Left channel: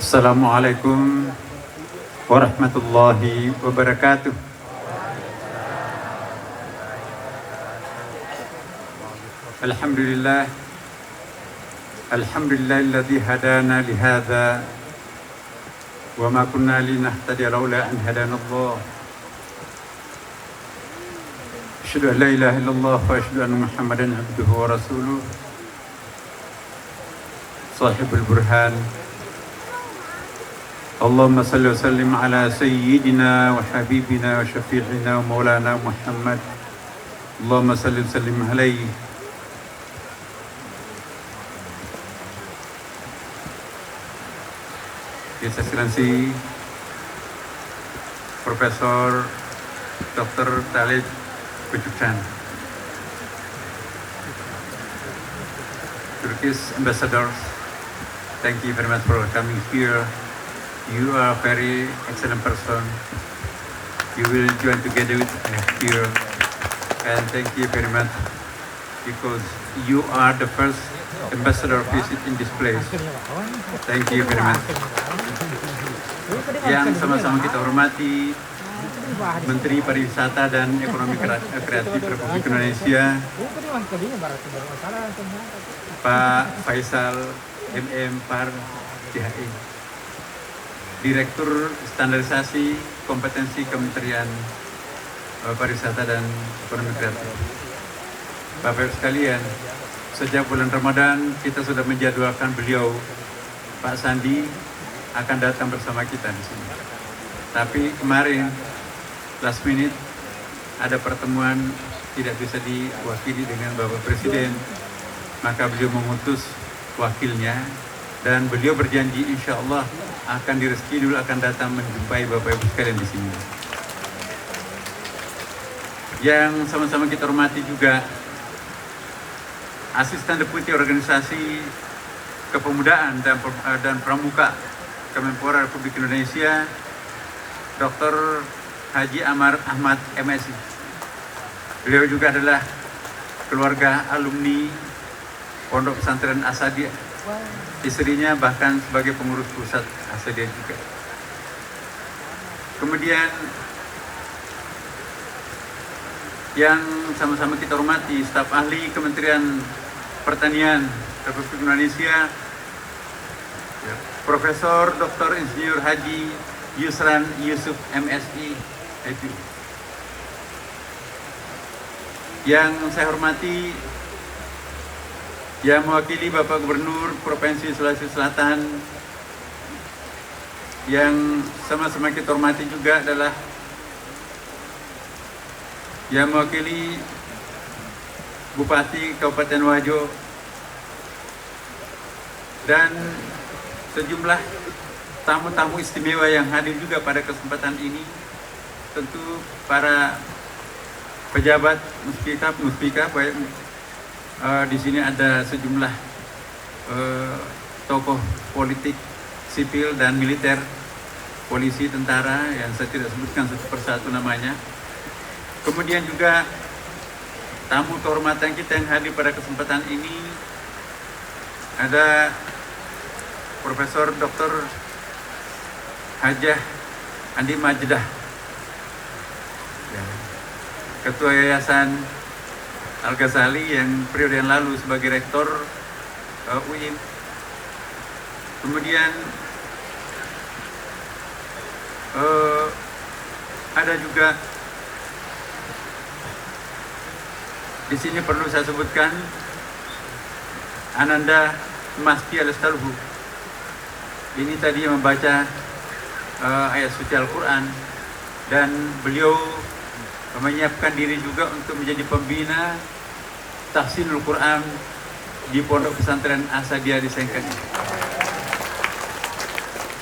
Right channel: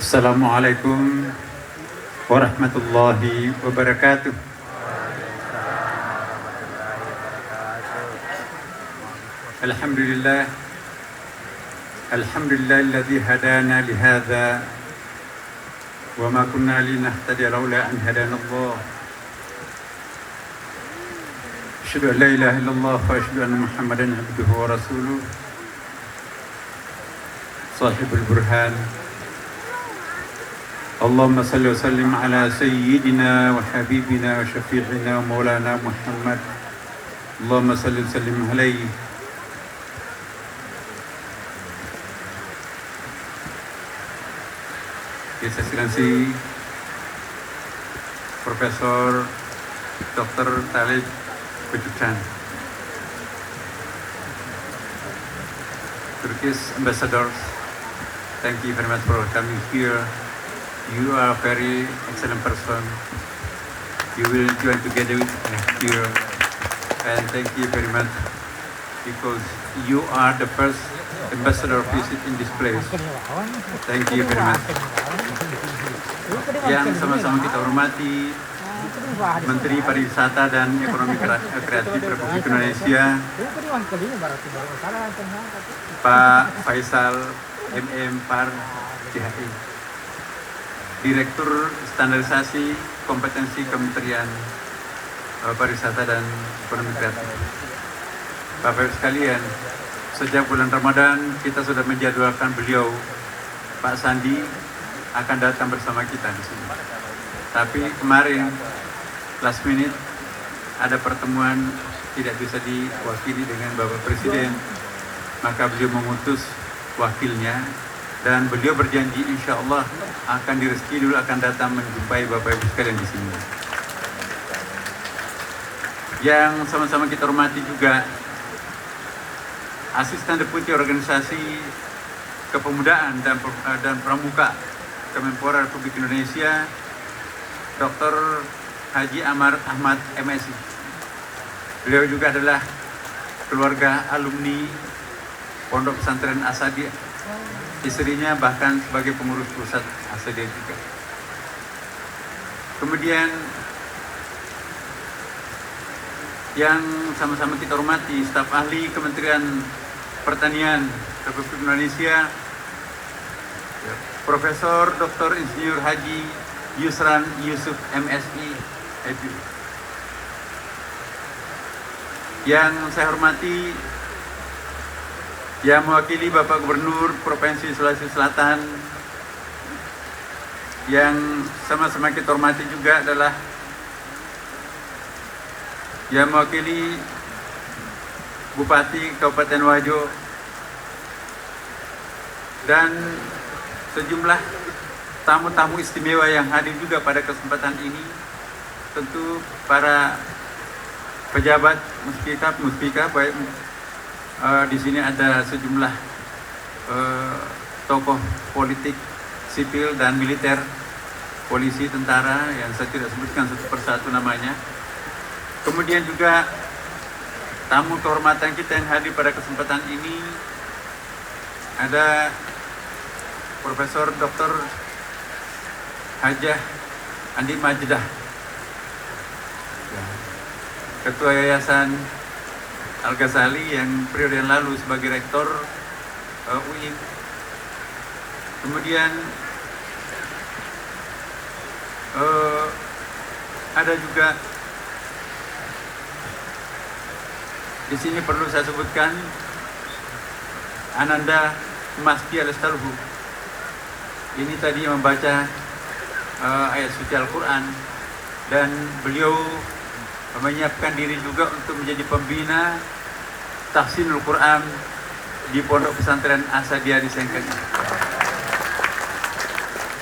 Assalamualaikum warahmatullahi wabarakatuh. Alhamdulillah, alhamdulillahilladzi hadana lihadza wa ma kunna linahtadiya laula an hadana Allah. Asyhadu an la ilaha illallah wa asyhadu anna Muhammadan abduhu wa rasuluh. Sahibul burhan. Allahumma salli wa sallim ala sayyidina wa habibina wa syafi'ina wa maulana Muhammad. Allahumma salli wa sallim alaihi. His Excellency Profesor Dr. Talib Kucukan, Turkish ambassadors, thank you very much for coming here. You are a very excellent person. You will join together with us here, and thank you very much because you are the first ambassador visit in this place. Thank you very much. Yang sama-sama kita hormati Menteri Pariwisata dan Ekonomi Kreatif Republik Indonesia, Pak Faisal MM Par DHI. Direktur Standarisasi Kompetensi Kementerian Pariwisata dan Ekonomi Kreatif. Bapak-Ibu sekalian, sejak bulan Ramadan kita sudah menjadwalkan beliau, Pak Sandi, akan datang bersama kita di sini. Tapi kemarin, last minute, ada pertemuan tidak bisa diwakili dengan Bapak Presiden, maka beliau mengutus wakilnya. Dan beliau berjanji insya Allah akan direstui dulu akan datang menjumpai Bapak Ibu sekalian di sini. Yang sama-sama kita hormati juga Asisten Deputi Organisasi Kepemudaan dan Pramuka Kemenpora Republik Indonesia, Dr. Haji Amar Ahmad MSI. Beliau juga adalah keluarga alumni Pondok Pesantren Asadiyah. Istrinya bahkan sebagai pengurus pusat Asadiyah juga. Kemudian yang sama-sama kita hormati staf ahli Kementerian Pertanian Republik Indonesia, Profesor Dr. Insinyur Haji Yusran Yusuf MSI. Yang saya hormati yang mewakili Bapak Gubernur Provinsi Sulawesi Selatan, yang sama-sama kita hormati juga adalah yang mewakili Bupati Kabupaten Wajo dan sejumlah tamu-tamu istimewa yang hadir juga pada kesempatan ini. Tentu para pejabat muspika baik di sini ada sejumlah tokoh politik, sipil dan militer, polisi, tentara yang saya tidak sebutkan satu persatu namanya. Kemudian juga tamu kehormatan kita yang hadir pada kesempatan ini ada Profesor Dr. Hajah Andi Majdah, Ketua Yayasan Al-Ghazali yang periode yang lalu sebagai Rektor UIN. Kemudian ada juga di sini perlu saya sebutkan Ananda Masti Al-Astalhu. Ini tadi membaca ayat suci Al-Quran dan beliau menyiapkan diri juga untuk menjadi pembina tahsinul Quran di Pondok Pesantren Asadiyah di Sengkang.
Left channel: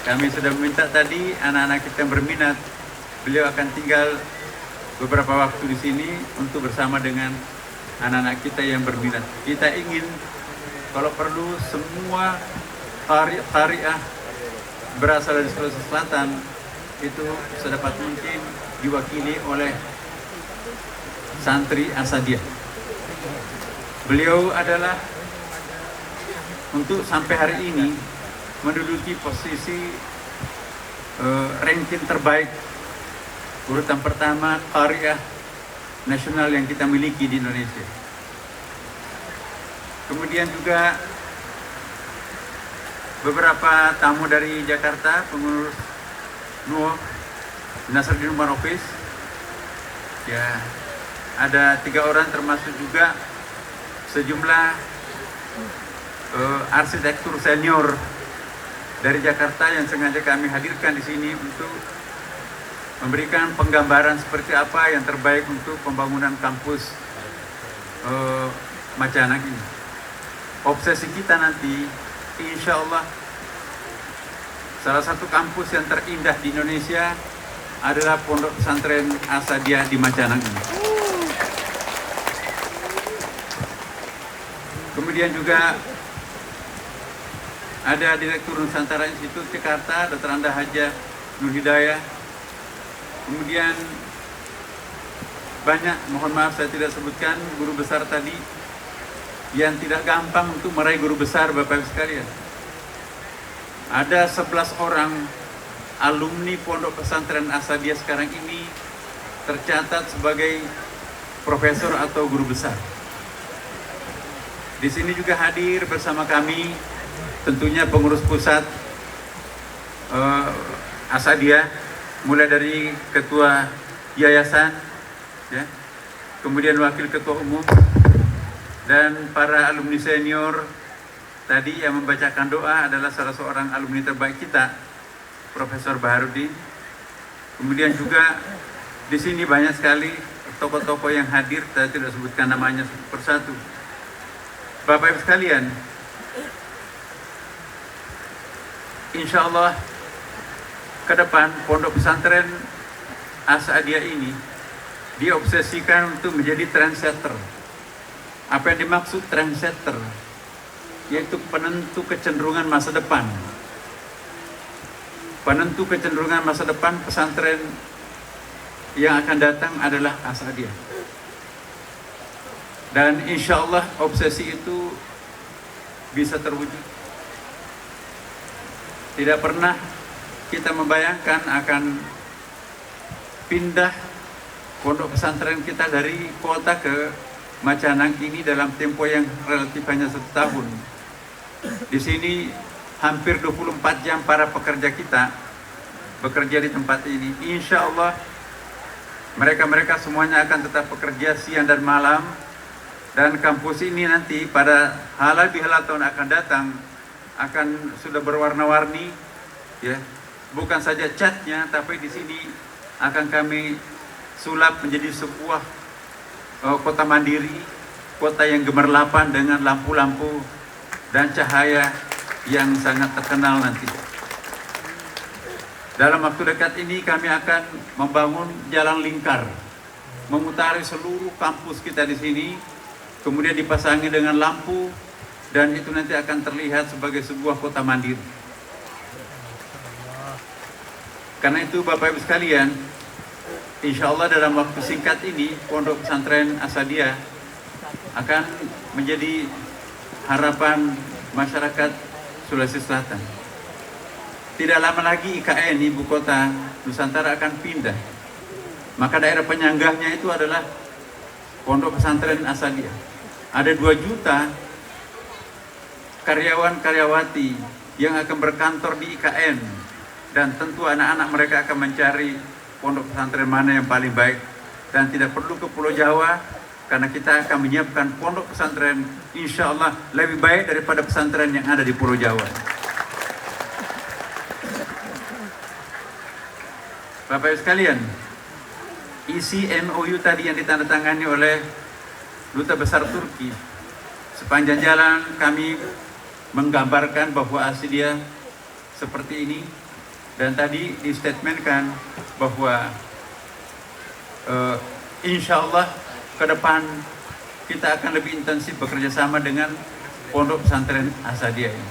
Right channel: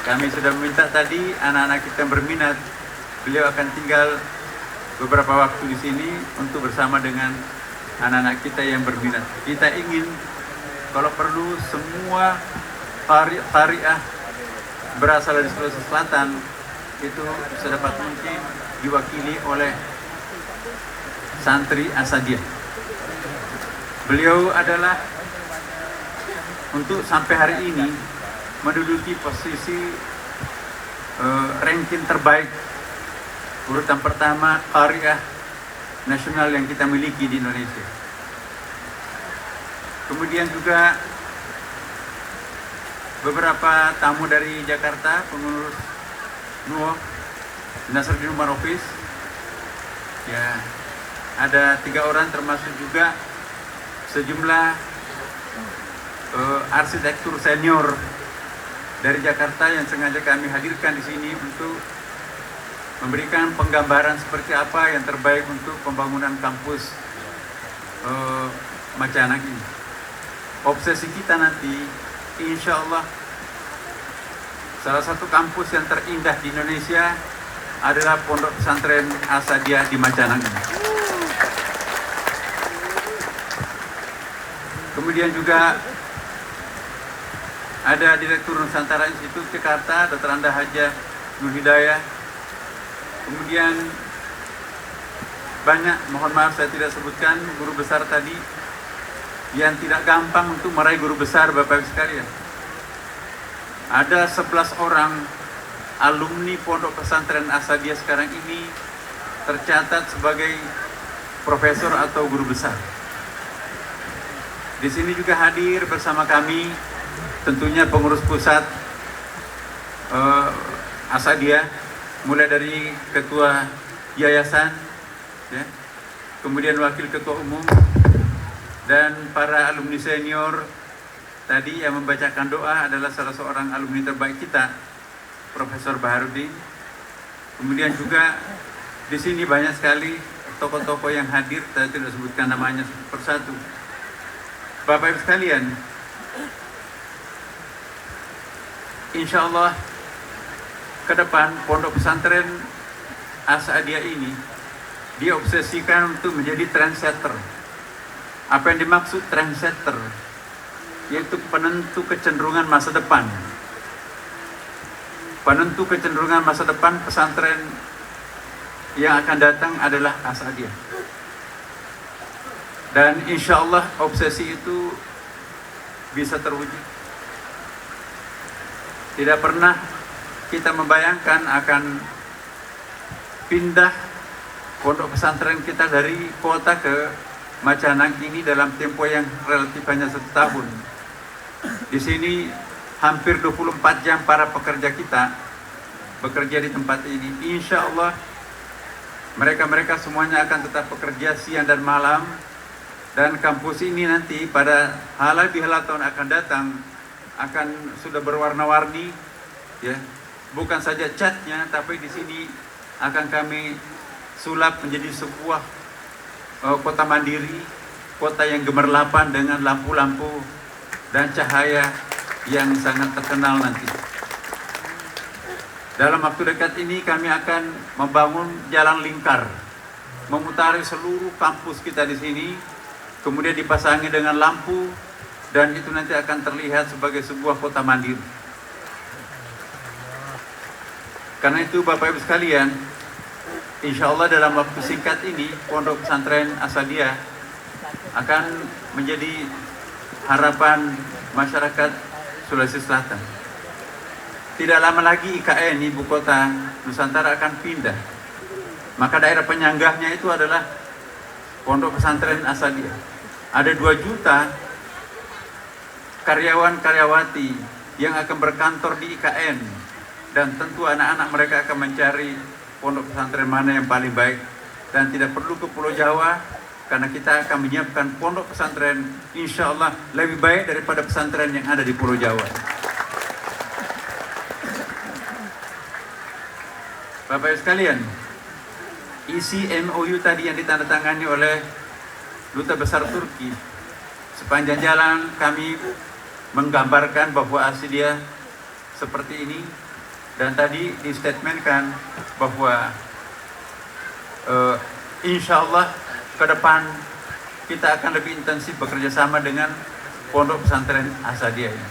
Kami sudah meminta tadi anak-anak kita yang berminat, beliau akan tinggal beberapa waktu di sini untuk bersama dengan anak-anak kita yang berminat. Kita ingin kalau perlu semua qari'ah berasal dari Sulawesi Selatan itu sedapat mungkin diwakili oleh santri Asadiyah. Beliau adalah untuk sampai hari ini menduduki posisi ranking terbaik, urutan pertama Qariah nasional yang kita miliki di Indonesia. Kemudian juga beberapa tamu dari Jakarta, pengurus NUO, Nasruddin Umar Office, ya, ada 3 orang, termasuk juga sejumlah arsitektur senior dari Jakarta yang sengaja kami hadirkan di sini untuk memberikan penggambaran seperti apa yang terbaik untuk pembangunan kampus Macaanang ini. Obsesi kita nanti, insya Allah, salah satu kampus yang terindah di Indonesia adalah Pondok Pesantren Asadiah di Macaanang ini. Kemudian juga ada Direktur Nusantara Institut Jakarta, Dr. Anda Hajah Nur Hidayah. Kemudian banyak, mohon maaf saya tidak sebutkan, guru besar tadi yang tidak gampang untuk meraih guru besar, Bapak Ibu sekalian. Ada 11 orang alumni Pondok Pesantren Asadiah sekarang ini tercatat sebagai profesor atau guru besar. Di sini juga hadir bersama kami tentunya pengurus pusat Asadiah, mulai dari ketua yayasan, ya, kemudian wakil ketua umum, dan para alumni senior. Tadi yang membacakan doa adalah salah seorang alumni terbaik kita, Profesor Baharudin. Kemudian juga di sini banyak sekali tokoh-tokoh yang hadir, saya tidak sebutkan namanya persatu. Bapak Ibu sekalian, insya Allah ke depan Pondok Pesantren Asadiah ini diobsesikan untuk menjadi trendsetter. Apa yang dimaksud trendsetter? Yaitu penentu kecenderungan masa depan. Penentu kecenderungan masa depan pesantren yang akan datang adalah Asadiah. Dan insya Allah obsesi itu bisa terwujud. Tidak pernah kita membayangkan akan pindah pondok pesantren kita dari kota ke Macaanang ini dalam tempo yang relatif hanya 1 tahun. Di sini hampir 24 jam para pekerja kita bekerja di tempat ini. Insya Allah mereka semuanya akan tetap bekerja siang dan malam. Dan kampus ini nanti pada halal bihalal tahun akan datang akan sudah berwarna-warni, ya. Bukan saja catnya, tapi di sini akan kami sulap menjadi sebuah kota mandiri, kota yang gemerlapan dengan lampu-lampu dan cahaya yang sangat terkenal nanti. Dalam waktu dekat ini kami akan membangun jalan lingkar, memutari seluruh kampus kita di sini, kemudian dipasangi dengan lampu, dan itu nanti akan terlihat sebagai sebuah kota mandiri. Karena itu Bapak Ibu sekalian, insya Allah dalam waktu singkat ini Pondok Pesantren Asadiah akan menjadi harapan masyarakat Sulawesi Selatan. Tidak lama lagi IKN, Ibu Kota Nusantara, akan pindah. Maka daerah penyanggahnya itu adalah Pondok Pesantren Asadiah. Ada 2 juta karyawan-karyawati yang akan berkantor di IKN. Dan tentu anak-anak mereka akan mencari pondok pesantren mana yang paling baik. Dan tidak perlu ke Pulau Jawa, karena kita akan menyiapkan pondok pesantren insya Allah lebih baik daripada pesantren yang ada di Pulau Jawa. Bapak Ibu sekalian, isi MOU tadi yang ditandatangani oleh Duta Besar Turki, sepanjang jalan kami menggambarkan bahwa Asadiah seperti ini. Dan tadi distatementkan bahwa insya Allah ke depan kita akan lebih intensif bekerja sama dengan Pondok Pesantren Asadiah ini.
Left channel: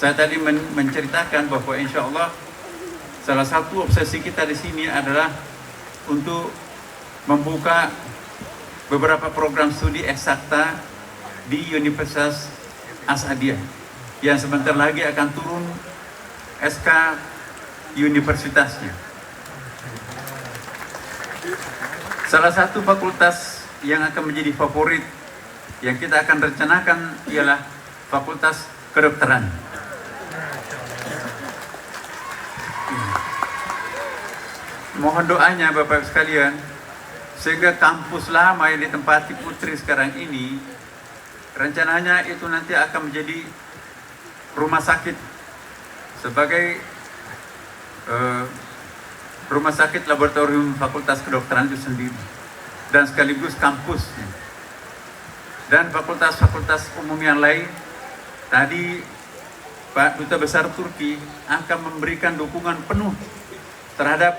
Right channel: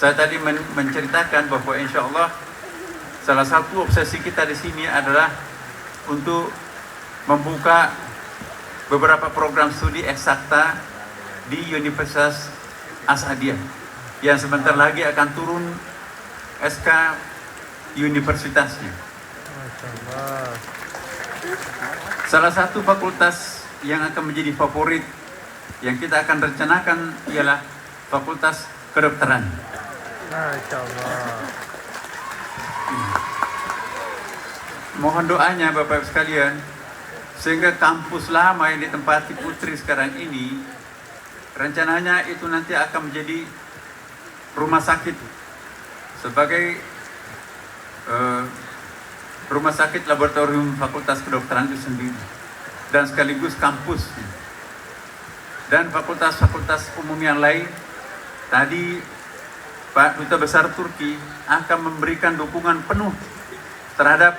Saya tadi menceritakan bahwa insya Allah salah satu obsesi kita di sini adalah untuk membuka beberapa program studi eksakta di Universitas Asadiah. yang sebentar lagi akan turun SK universitasnya. Salah satu fakultas yang akan menjadi favorit yang kita akan rencanakan ialah Fakultas Kedokteran. Mohon doanya Bapak Ibu sekalian, sehingga kampus lama yang ditempati Putri sekarang ini, rencananya itu nanti akan menjadi rumah sakit sebagai rumah sakit laboratorium Fakultas Kedokteran itu sendiri, dan sekaligus kampusnya. Dan fakultas-fakultas umum yang lain, tadi Pak Duta Besar Turki akan memberikan dukungan penuh terhadap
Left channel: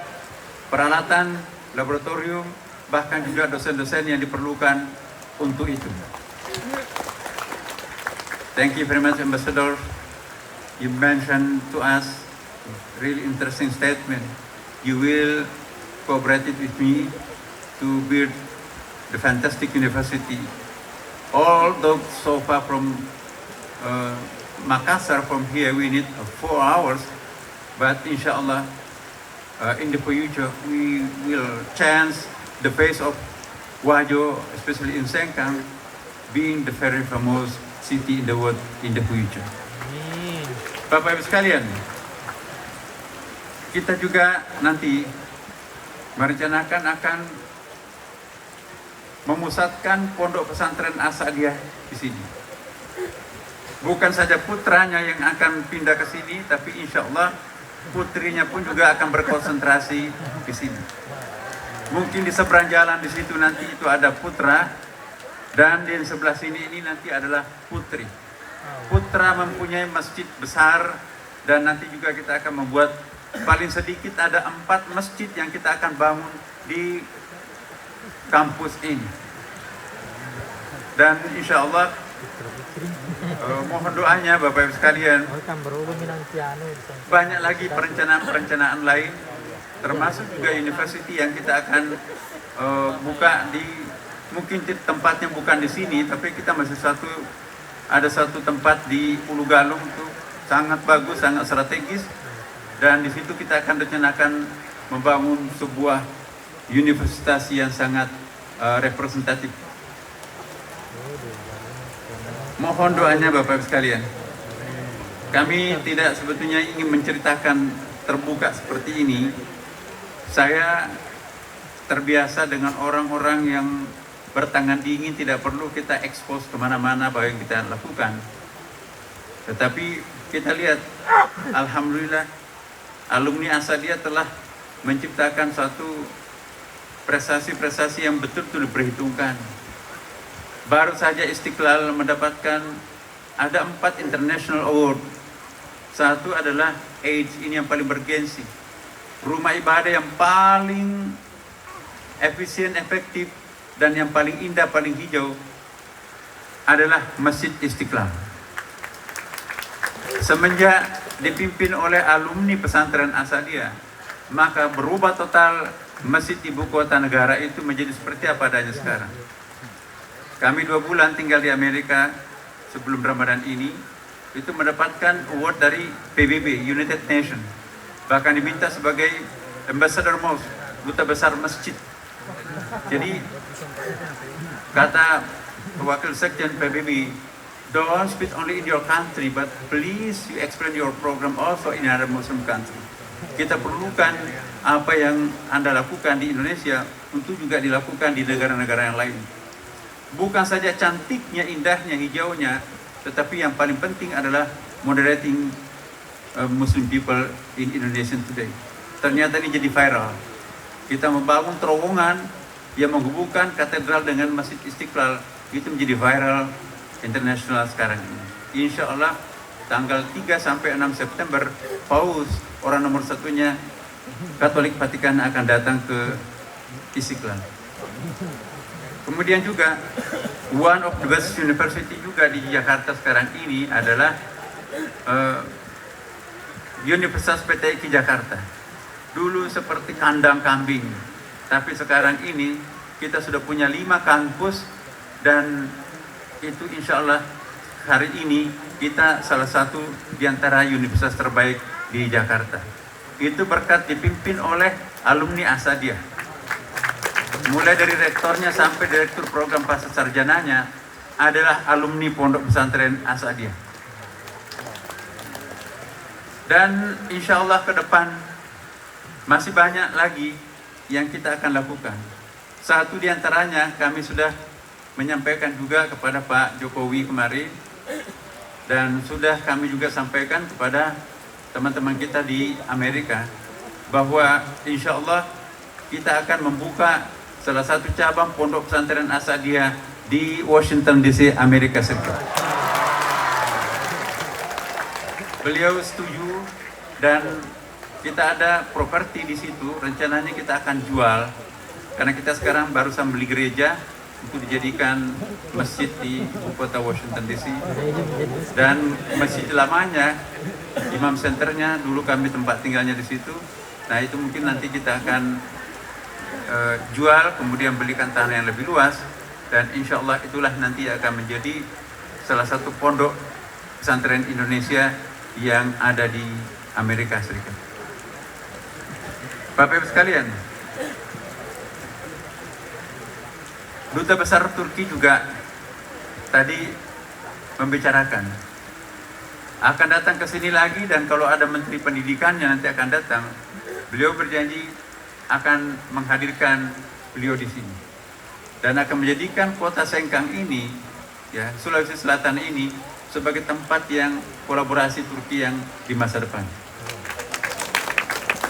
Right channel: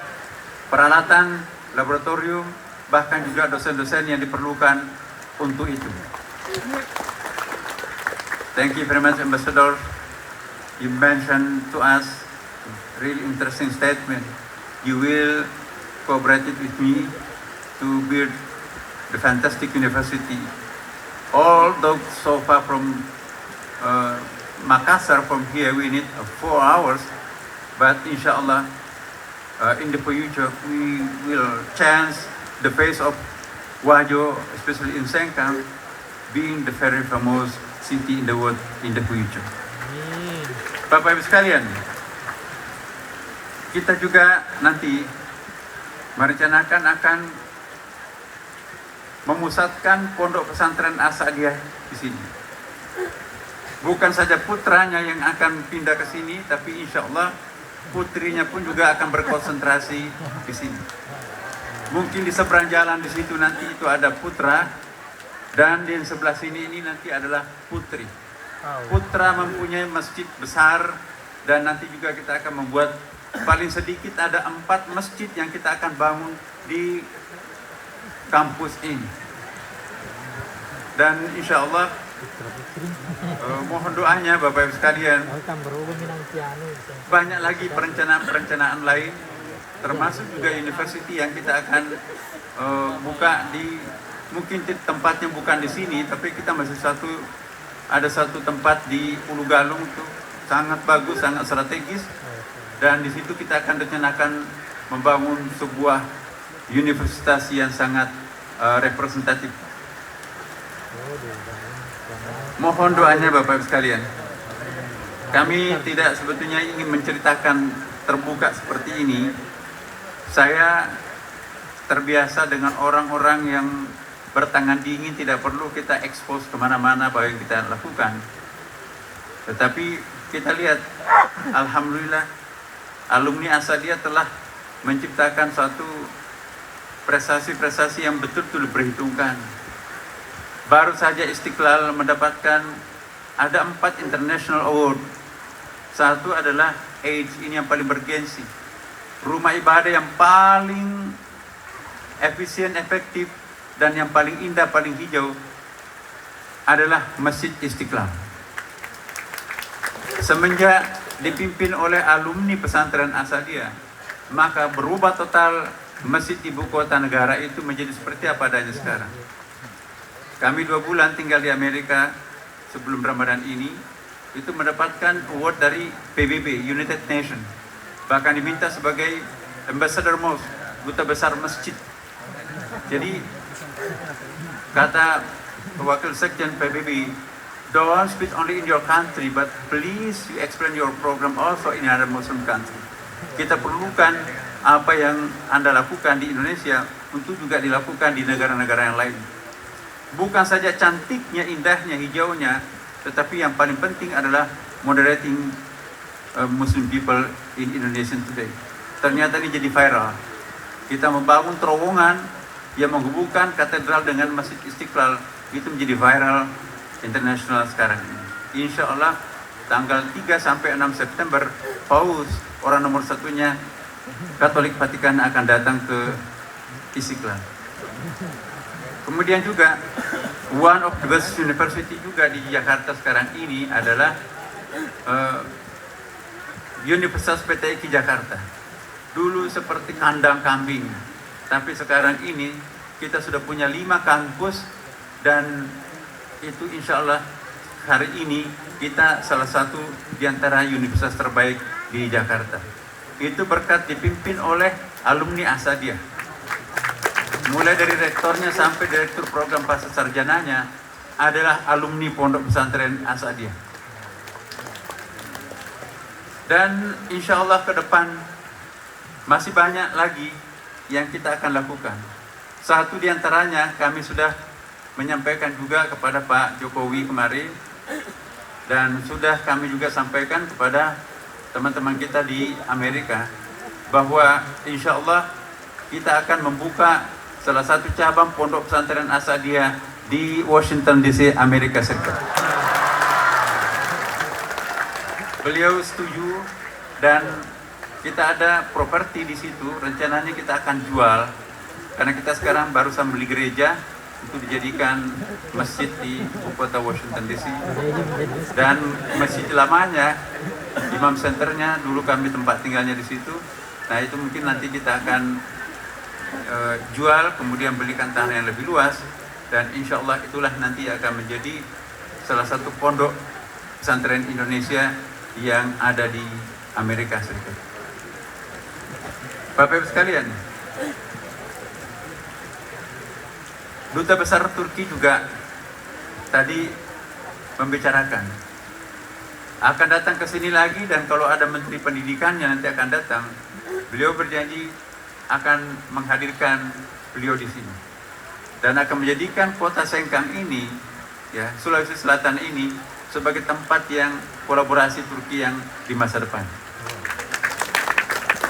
peralatan laboratorium, bahkan juga dosen-dosen yang diperlukan untuk itu. Thank you very much, Ambassador. You mentioned to us really interesting statement. You will cooperate with me to build the fantastic university. Although so far from Makassar, from here we need 4 hours, but inshallah in the future we will change the face of Wajo, especially in Sengkang, being the very famous city in the world in the future. Bapak Ibu sekalian, kita juga nanti merencanakan akan memusatkan pondok pesantren Asadiyah di sini. Bukan saja putranya yang akan pindah ke sini, tapi insya Allah putrinya pun juga akan berkonsentrasi di sini. Mungkin di seberang jalan di situ nanti itu ada putra, dan di sebelah sini ini nanti adalah putri. Putra mempunyai masjid besar, dan nanti juga kita akan membuat paling sedikit ada 4 masjid yang kita akan bangun di kampus ini. Dan insya Allah mohon doanya Bapak Ibu sekalian, banyak lagi perencanaan lain, termasuk juga university yang kita akan buka di, mungkin tempatnya bukan di sini, tapi kita masih ada satu tempat di Ulu Galung itu sangat bagus, sangat strategis, dan di situ kita akan rencanakan membangun sebuah universitas yang sangat representatif. Mohon doanya Bapak Ibu sekalian. Kami tidak sebetulnya ingin menceritakan terbuka seperti ini. Saya terbiasa dengan orang-orang yang bertangan dingin, tidak perlu kita expose kemana-mana bahwa yang kita lakukan. Tetapi kita lihat, alhamdulillah, alumni Asadiyah telah menciptakan suatu prestasi-prestasi yang betul-betul diperhitungkan. Baru saja Istiqlal mendapatkan ada 4 international award. Satu adalah AIDS, ini yang paling bergensi. Rumah ibadah yang paling efisien, efektif, dan yang paling indah, paling hijau adalah Masjid Istiqlal. Semenjak dipimpin oleh alumni pesantren Asadiyah, maka berubah total masjid ibu kota negara itu menjadi seperti apa adanya sekarang. Kami 2 bulan tinggal di Amerika sebelum Ramadan ini, itu mendapatkan award dari PBB, United Nations. Bahkan diminta sebagai Ambassador Mosque, Duta Besar Masjid. Jadi, kata Wakil Sekjen PBB, don't speak only in your country, but please you explain your program also in other Muslim country. Kita perlukan apa yang Anda lakukan di Indonesia untuk juga dilakukan di negara-negara yang lain. Bukan saja cantiknya, indahnya, hijaunya, tetapi yang paling penting adalah moderating Muslim people in Indonesia today. Ternyata ini jadi viral. Kita membangun terowongan yang menghubungkan katedral dengan Masjid Istiqlal, itu menjadi viral internasional sekarang ini. Insya Allah tanggal 3 sampai 6 September, Paus, orang nomor satunya Katolik Vatikan, akan datang ke Istiqlal. Kemudian juga one of the best university juga di Jakarta sekarang ini adalah Universitas PTIK Jakarta. Dulu seperti kandang kambing, tapi sekarang ini kita sudah punya 5 kampus, dan itu insya Allah hari ini kita salah satu di antara universitas terbaik di Jakarta. Itu berkat dipimpin oleh alumni Asadiyah. Mulai dari rektornya sampai direktur program pasca sarjananya adalah alumni Pondok Pesantren Asadiyah. Dan insya Allah ke depan masih banyak lagi yang kita akan lakukan. Satu di antaranya kami sudah menyampaikan juga kepada Pak Jokowi kemarin, dan sudah kami juga sampaikan kepada teman-teman kita di Amerika bahwa insya Allah kita akan membuka salah satu cabang Pondok Pesantren Asadiyah di Washington DC, Amerika Serikat. Beliau setuju dan kita ada properti di situ, rencananya kita akan jual karena kita sekarang barusan beli gereja untuk dijadikan masjid di ibu kota Washington DC, dan masjid lamanya Imam Centernya dulu kami tempat tinggalnya di situ. Nah itu mungkin nanti kita akan jual, kemudian belikan tanah yang lebih luas, dan insya Allah itulah nanti akan menjadi salah satu pondok pesantren Indonesia yang ada di Amerika Serikat. Bapak Ibu sekalian, Duta Besar Turki juga tadi membicarakan akan datang ke sini lagi, dan kalau ada Menteri Pendidikan yang nanti akan datang, beliau berjanji akan menghadirkan beliau di sini dan akan menjadikan kota Sengkang ini, ya, Sulawesi Selatan ini sebagai tempat yang kolaborasi Turki yang di masa depan.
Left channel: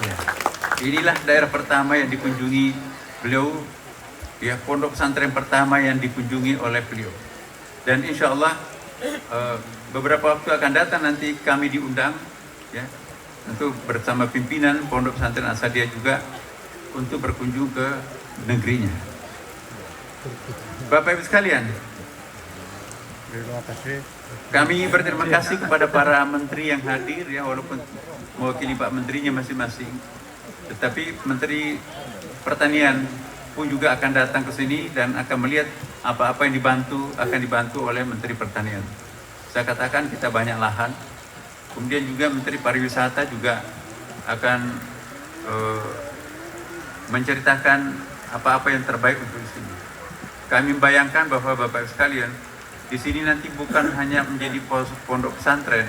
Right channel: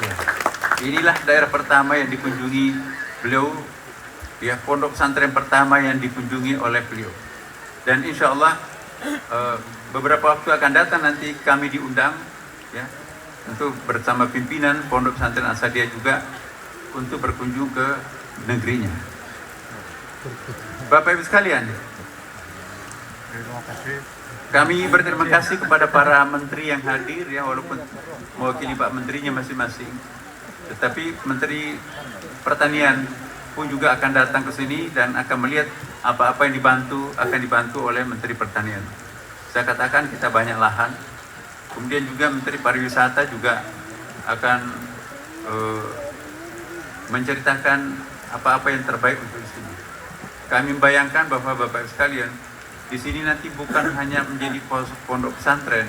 Ya. Inilah daerah pertama yang dikunjungi beliau, ya, pondok pesantren pertama yang dikunjungi oleh beliau. Dan insya Allah beberapa waktu akan datang nanti kami diundang, ya, untuk bersama pimpinan Pondok Pesantren Asadiyah juga untuk berkunjung ke negerinya. Bapak Ibu sekalian, kami berterima kasih kepada para menteri yang hadir, ya, walaupun mewakili Pak Menterinya masing-masing, tetapi Menteri Pertanian pun juga akan datang ke sini dan akan melihat apa-apa yang akan dibantu oleh Menteri Pertanian. Saya katakan kita banyak lahan. Kemudian juga Menteri Pariwisata juga akan menceritakan apa-apa yang terbaik untuk di sini. Kami membayangkan bahwa Bapak Ibu sekalian, di sini nanti bukan hanya menjadi pondok pesantren,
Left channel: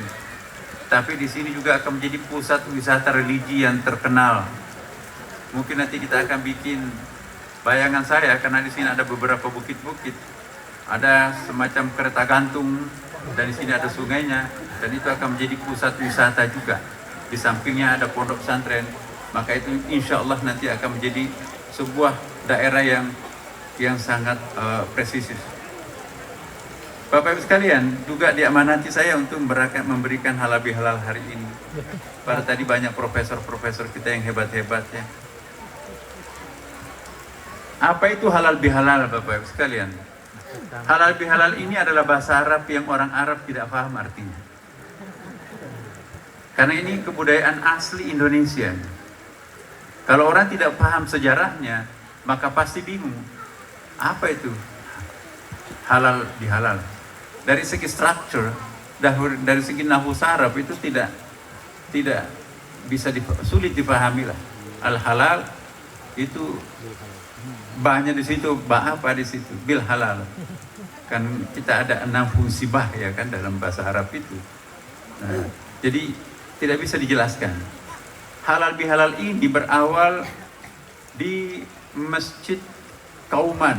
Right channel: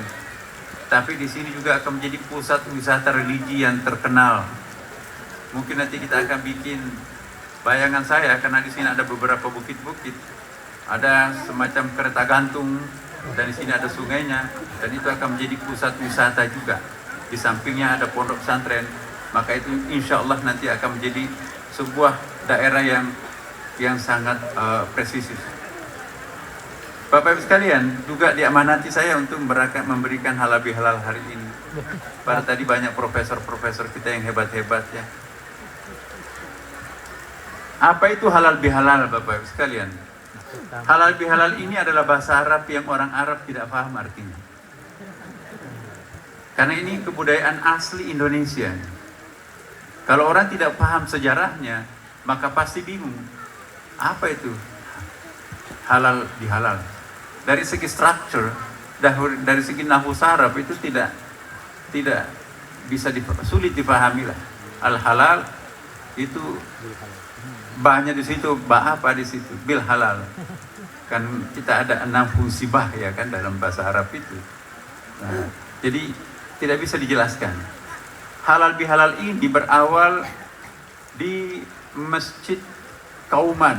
tapi di sini juga akan menjadi pusat wisata religi yang terkenal. Mungkin nanti kita akan bikin, bayangan saya, karena di sini ada beberapa bukit-bukit, ada semacam kereta gantung, dan di sini ada sungainya, dan itu akan menjadi pusat wisata juga. Di sampingnya ada pondok pesantren, maka itu insya Allah nanti akan menjadi sebuah daerah yang sangat presisius. Bapak Ibu sekalian, juga diamanati saya untuk memberikan halal bihalal hari ini. Pada tadi banyak profesor-profesor kita yang hebat-hebat, ya. Apa itu halal bihalal, Bapak Ibu sekalian? Halal bihalal ini adalah bahasa Arab yang orang Arab tidak paham artinya. Karena ini kebudayaan asli Indonesia. Kalau orang tidak paham sejarahnya, maka pasti bingung. Apa itu halal bihalal? Dari segi structure, dari segi nahwu Arab itu tidak bisa sulit dipahami lah. Al halal itu banyak di situ, apa di situ? Bil halal. Kan kita ada 6 fungsi bah, ya kan, dalam bahasa Arab itu. Nah, jadi tidak bisa dijelaskan. Halal bihalal ini berawal di Masjid Kauman,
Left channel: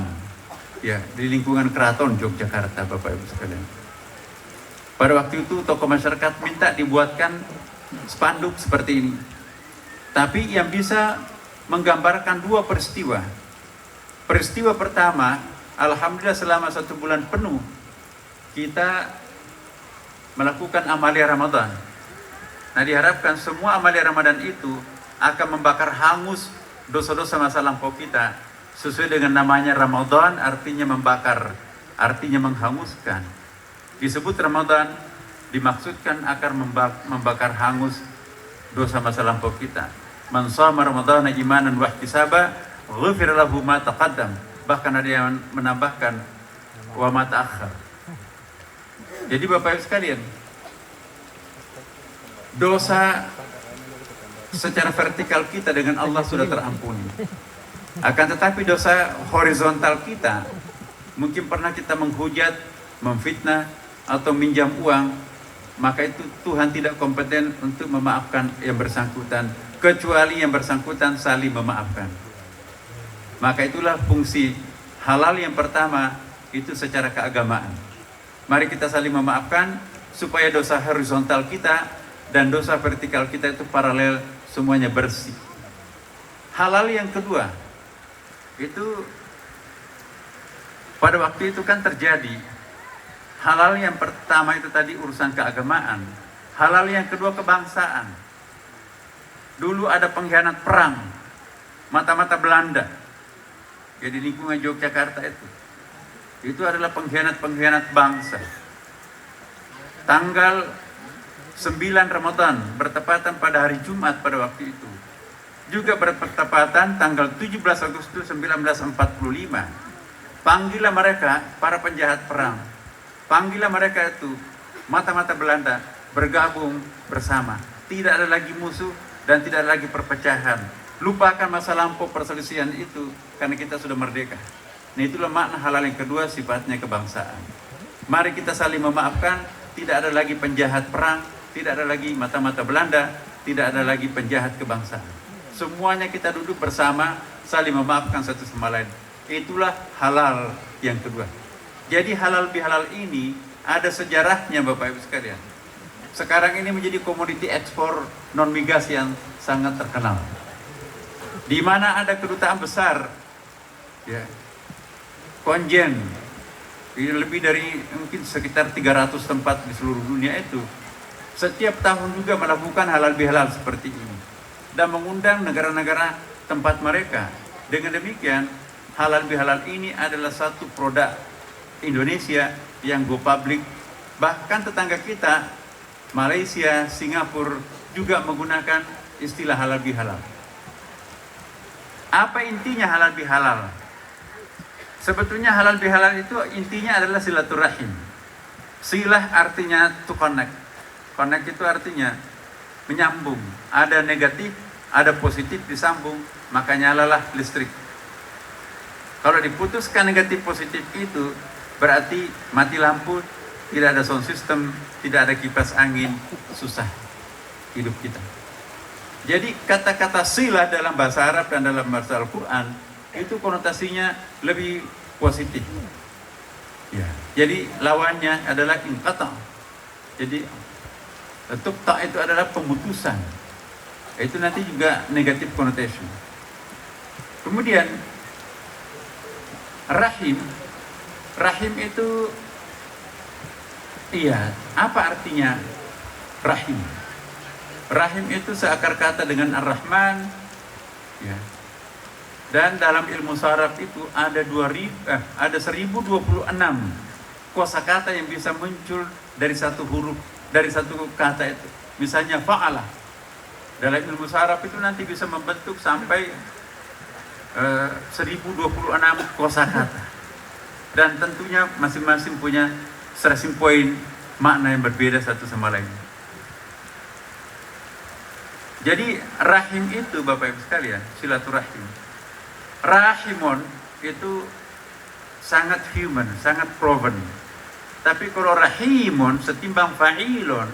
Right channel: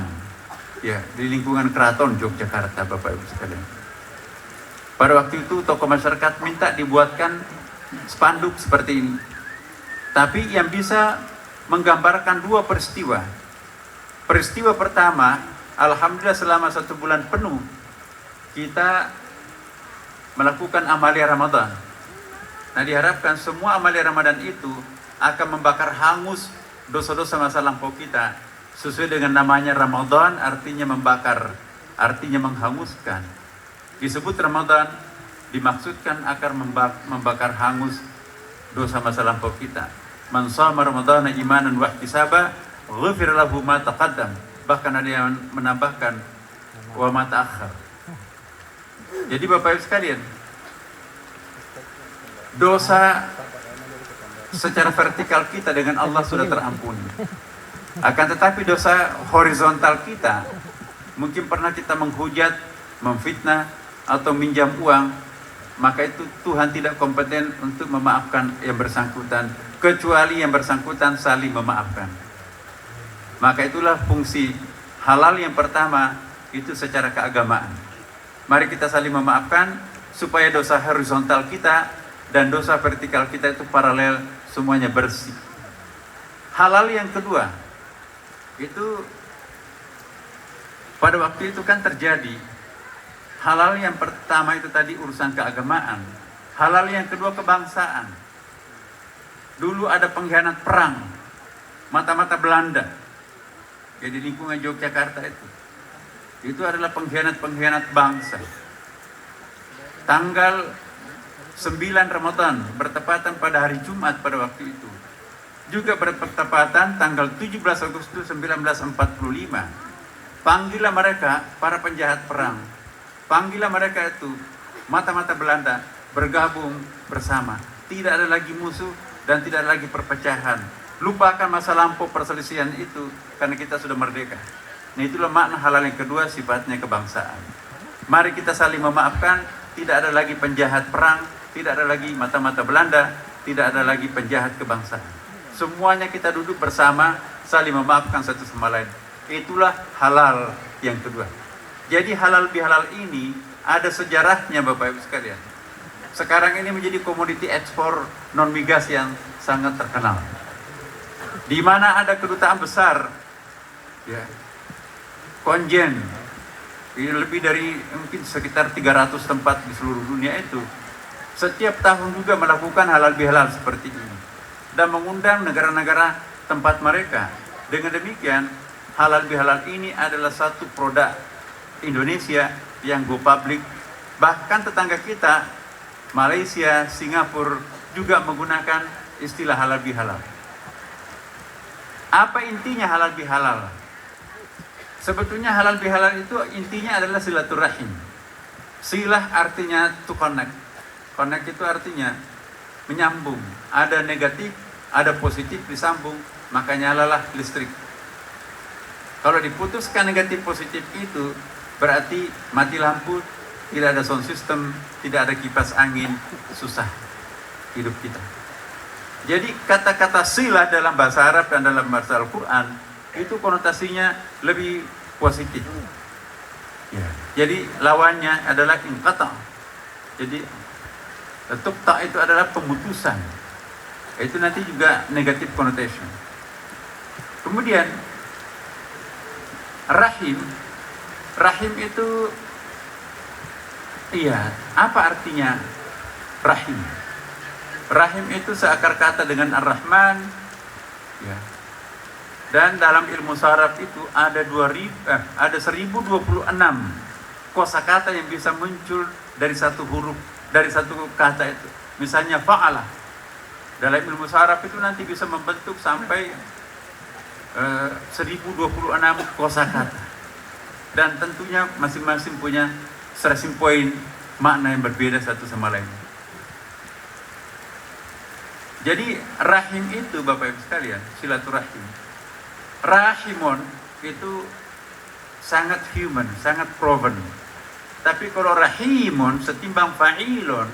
ya, di lingkungan Keraton Yogyakarta, Bapak Ibu sekalian. Pada waktu itu tokoh masyarakat minta dibuatkan spanduk seperti ini. Tapi yang bisa menggambarkan 2 peristiwa. Peristiwa pertama, alhamdulillah selama 1 bulan penuh kita melakukan amalia Ramadan. Nah, diharapkan semua amalia Ramadan itu akan membakar hangus dosa-dosa masa lampau kita. Sesuai dengan namanya Ramadan, artinya membakar, artinya menghanguskan. Disebut Ramadan, dimaksudkan akan membakar hangus dosa masa lampau kita. Man shama Ramadhana imanan wa ihtisaba, ghufira lahu ma taqaddam. Bahkan ada yang menambahkan wa ma ta'akhkhar. Jadi Bapak Ibu sekalian, dosa secara vertikal kita dengan Allah sudah terampuni. Akan tetapi dosa horizontal kita, mungkin pernah kita menghujat, memfitnah, atau minjam uang, maka itu Tuhan tidak kompeten untuk memaafkan yang bersangkutan, kecuali yang bersangkutan saling memaafkan. Maka itulah fungsi halal yang pertama, itu secara keagamaan. Mari kita saling memaafkan, supaya dosa horizontal kita dan dosa vertikal kita itu paralel, semuanya bersih. Halal yang kedua, itu pada waktu itu kan terjadi. Halal yang pertama itu tadi urusan keagamaan. Halal yang kedua kebangsaan. Dulu ada pengkhianat perang, mata-mata Belanda. Jadi lingkungan Yogyakarta itu adalah pengkhianat bangsa. Tanggal 9 Ramadan bertepatan pada hari Jumat pada waktu itu. Juga bertepatan tanggal 17 Agustus 1945. Panggillah mereka para penjahat perang. Panggillah mereka itu mata-mata Belanda bergabung bersama. Tidak ada lagi musuh dan tidak ada lagi perpecahan. Lupakan masa lampau perselisihan itu karena kita sudah merdeka. Nah, itulah makna halal yang kedua, sifatnya kebangsaan. Mari kita saling memaafkan, tidak ada lagi penjahat perang, tidak ada lagi mata-mata Belanda, tidak ada lagi penjahat kebangsaan. Semuanya kita duduk bersama, saling memaafkan satu sama lain. Itulah halal yang kedua. Jadi halal bihalal ini ada sejarahnya Bapak Ibu sekalian. Sekarang ini menjadi komoditi ekspor non migas yang sangat terkenal. Di mana ada kedutaan besar, ya, konjen, lebih dari mungkin sekitar 300 tempat di seluruh dunia itu. Setiap tahun juga melakukan halal bihalal seperti ini. Dan mengundang negara-negara tempat mereka. Dengan demikian, halal bihalal ini adalah satu produk Indonesia yang go public. Bahkan tetangga kita, Malaysia, Singapura juga menggunakan istilah halal bihalal. Apa intinya halal bihalal? Sebetulnya halal bihalal itu intinya adalah silaturahim. Silah artinya to connect. Connect itu artinya menyambung. Ada negatif, ada positif disambung, maka nyalalah listrik. Kalau diputuskan negatif positif itu, berarti mati lampu, tidak ada sound system, tidak ada kipas angin, susah hidup kita. Jadi kata-kata silah dalam bahasa Arab dan dalam bahasa Al-Quran itu konotasinya lebih positif. Ya. Jadi lawannya adalah inqata. Jadi tuqta itu adalah pemutusan. Itu nanti juga negatif connotation. Kemudian rahim. Rahim itu, iya, apa artinya rahim? Rahim itu seakar kata dengan Ar-Rahman, ya. Dan dalam ilmu saraf itu ada 1026 kosakata yang bisa muncul dari satu huruf, dari satu kata itu. Misalnya fa'alah. Dalam ilmu saraf itu nanti bisa membentuk sampai 1026 kosakata. Dan tentunya masing-masing punya stressing point, makna yang berbeda satu sama lain. Jadi rahim itu Bapak Ibu sekalian, silaturahim. Rahimon itu sangat human, sangat proven. Tapi kalau rahimon setimbang fa'ilon,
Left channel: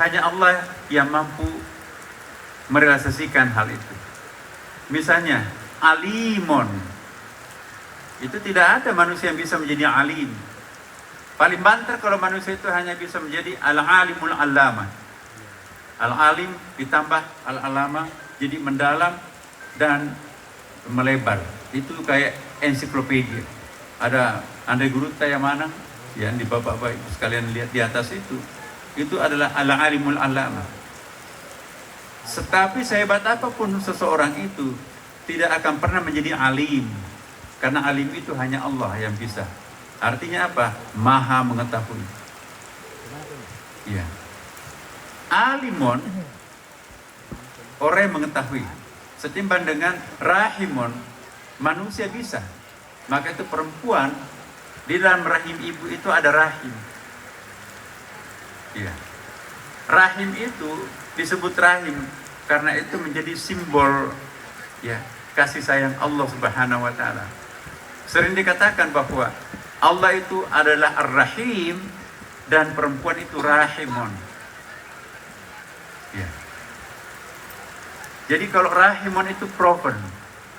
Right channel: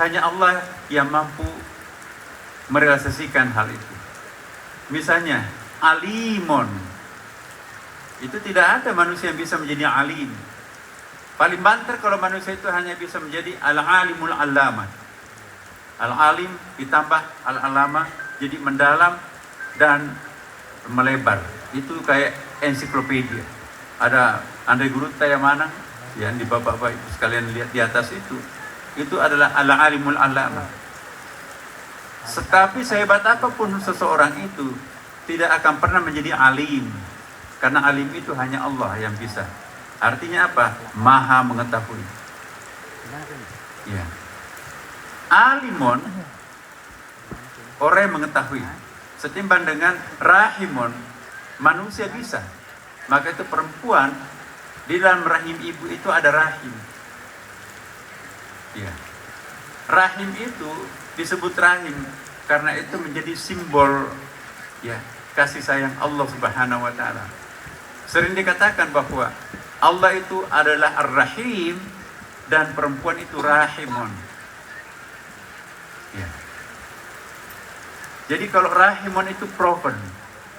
hanya Allah yang mampu merealisasikan hal itu. Misalnya alimon, itu tidak ada manusia yang bisa menjadi alim. Paling banter kalau manusia itu hanya bisa menjadi al-alimul allama. Al-alim ditambah al-alama, jadi mendalam dan melebar. Itu kayak ensiklopedia. Ada Andai Guru Tayamana, yang di bapak-bapak ibu sekalian lihat di atas itu adalah al-alimul allama. Tetapi sehebat apapun seseorang itu tidak akan pernah menjadi alim, karena alim itu hanya Allah yang bisa. Artinya apa? Maha mengetahui. Ya. Alimon, orang yang mengetahui. Setimbang dengan rahimon, manusia bisa. Maka itu perempuan, di dalam rahim ibu itu ada rahim. Ya. Rahim itu disebut rahim karena itu menjadi simbol ya kasih sayang Allah Subhanahu wa taala. Sering dikatakan bahwa Allah itu adalah Ar-Rahim dan perempuan itu rahimun. Ya. Jadi kalau rahimun itu proven,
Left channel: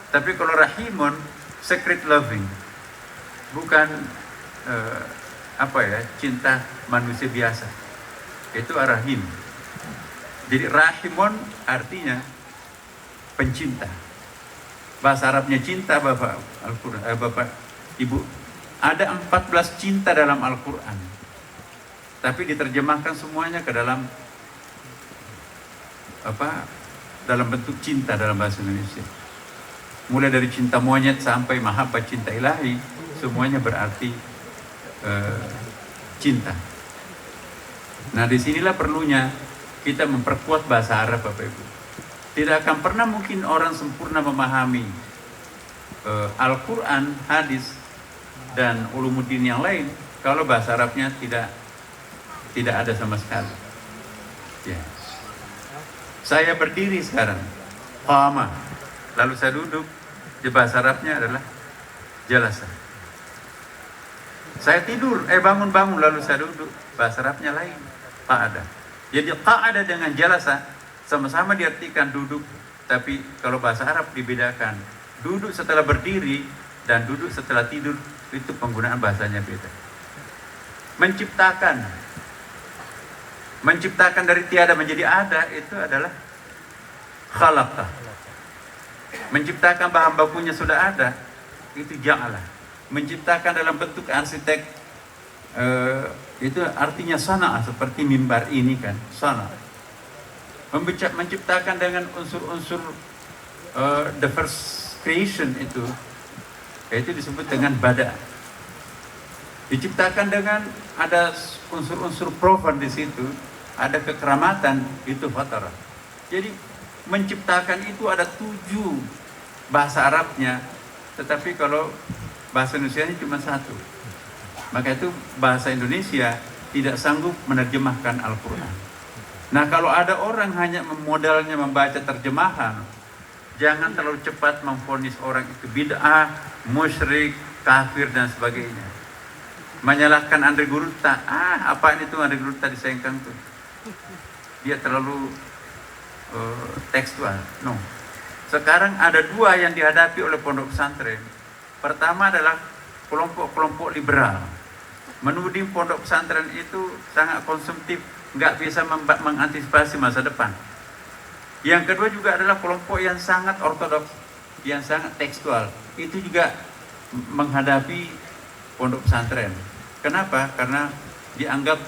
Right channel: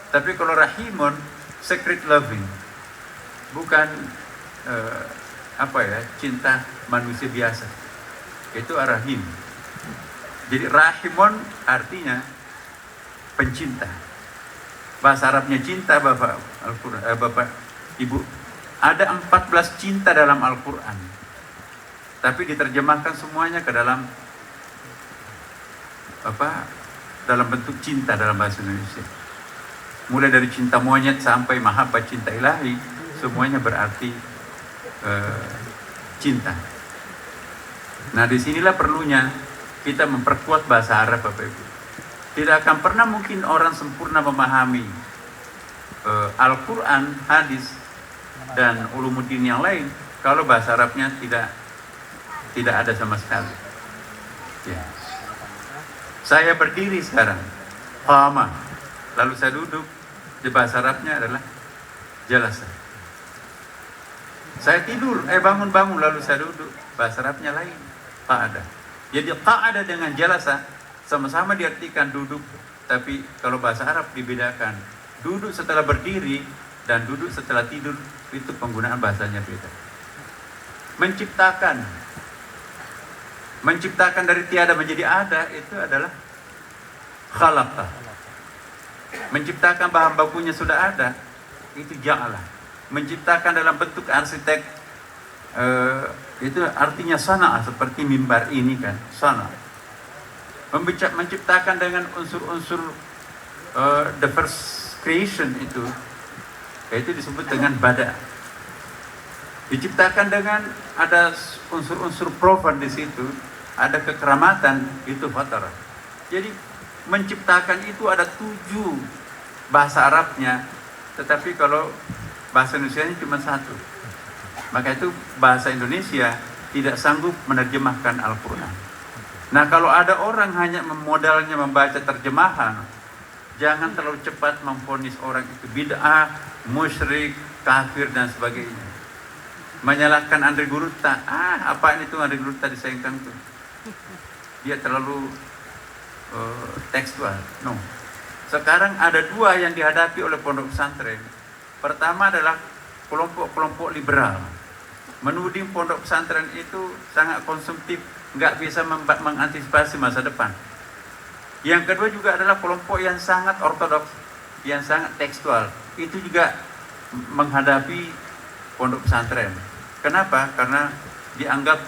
tapi kalau rahimun secret loving, bukan cinta manusia biasa. Itu ar-rahim. Jadi rahimun artinya pencinta. Bahasa Arabnya cinta, Bapak Al-Quran, Bapak Ibu. Ada 14 cinta dalam Al-Quran. Tapi diterjemahkan semuanya ke dalam dalam bentuk cinta dalam bahasa Indonesia. Mulai dari cinta monyet sampai mahabbah cinta ilahi, semuanya berarti cinta. Nah, disinilah perlunya kita memperkuat bahasa Arab, Bapak Ibu. Tidak akan pernah mungkin orang sempurna memahami Al-Quran, hadis, dan ulumuddin yang lain kalau bahasa Arabnya tidak ada sama sekali. Ya. Saya berdiri sekarang, qama, lalu saya duduk, di bahasa Arabnya adalah jalasa. Saya tidur, bangun-bangun lalu saya duduk, bahasa Arabnya lain, qa'ada. Jadi qa'ada dengan jalasa sama-sama diartikan duduk, tapi kalau bahasa Arab dibedakan. Duduk setelah berdiri dan duduk setelah tidur, itu penggunaan bahasanya beda. Menciptakan dari tiada menjadi ada, itu adalah khalaqa. Menciptakan bahan bakunya sudah ada, itu ja'ala. Menciptakan dalam bentuk arsitek, itu artinya sana, seperti mimbar ini kan, sana. Menciptakan dengan unsur-unsur the first creation itu disebut dengan bada. Diciptakan dengan ada unsur-unsur profan di situ, ada kekeramatan, itu fatara. Jadi menciptakan itu ada 7 bahasa Arabnya, tetapi kalau bahasa Indonesia cuma 1. Maka itu bahasa Indonesia tidak sanggup menerjemahkan Al-Quran. Nah, kalau ada orang hanya modalnya membaca terjemahan, jangan terlalu cepat memvonis orang itu bid'ah, musyrik, kafir dan sebagainya. Menyalahkan Andre Gurutta, apaan itu Andre Gurutta disayangkan tuh? Dia terlalu tekstual. No. Sekarang ada 2 yang dihadapi oleh pondok pesantren. Pertama adalah kelompok-kelompok liberal. Menuding pondok pesantren itu sangat konsumtif, nggak bisa mengantisipasi masa depan. Yang kedua juga adalah kelompok yang sangat ortodoks, yang sangat tekstual. Itu juga menghadapi pondok pesantren. Kenapa? Karena dianggap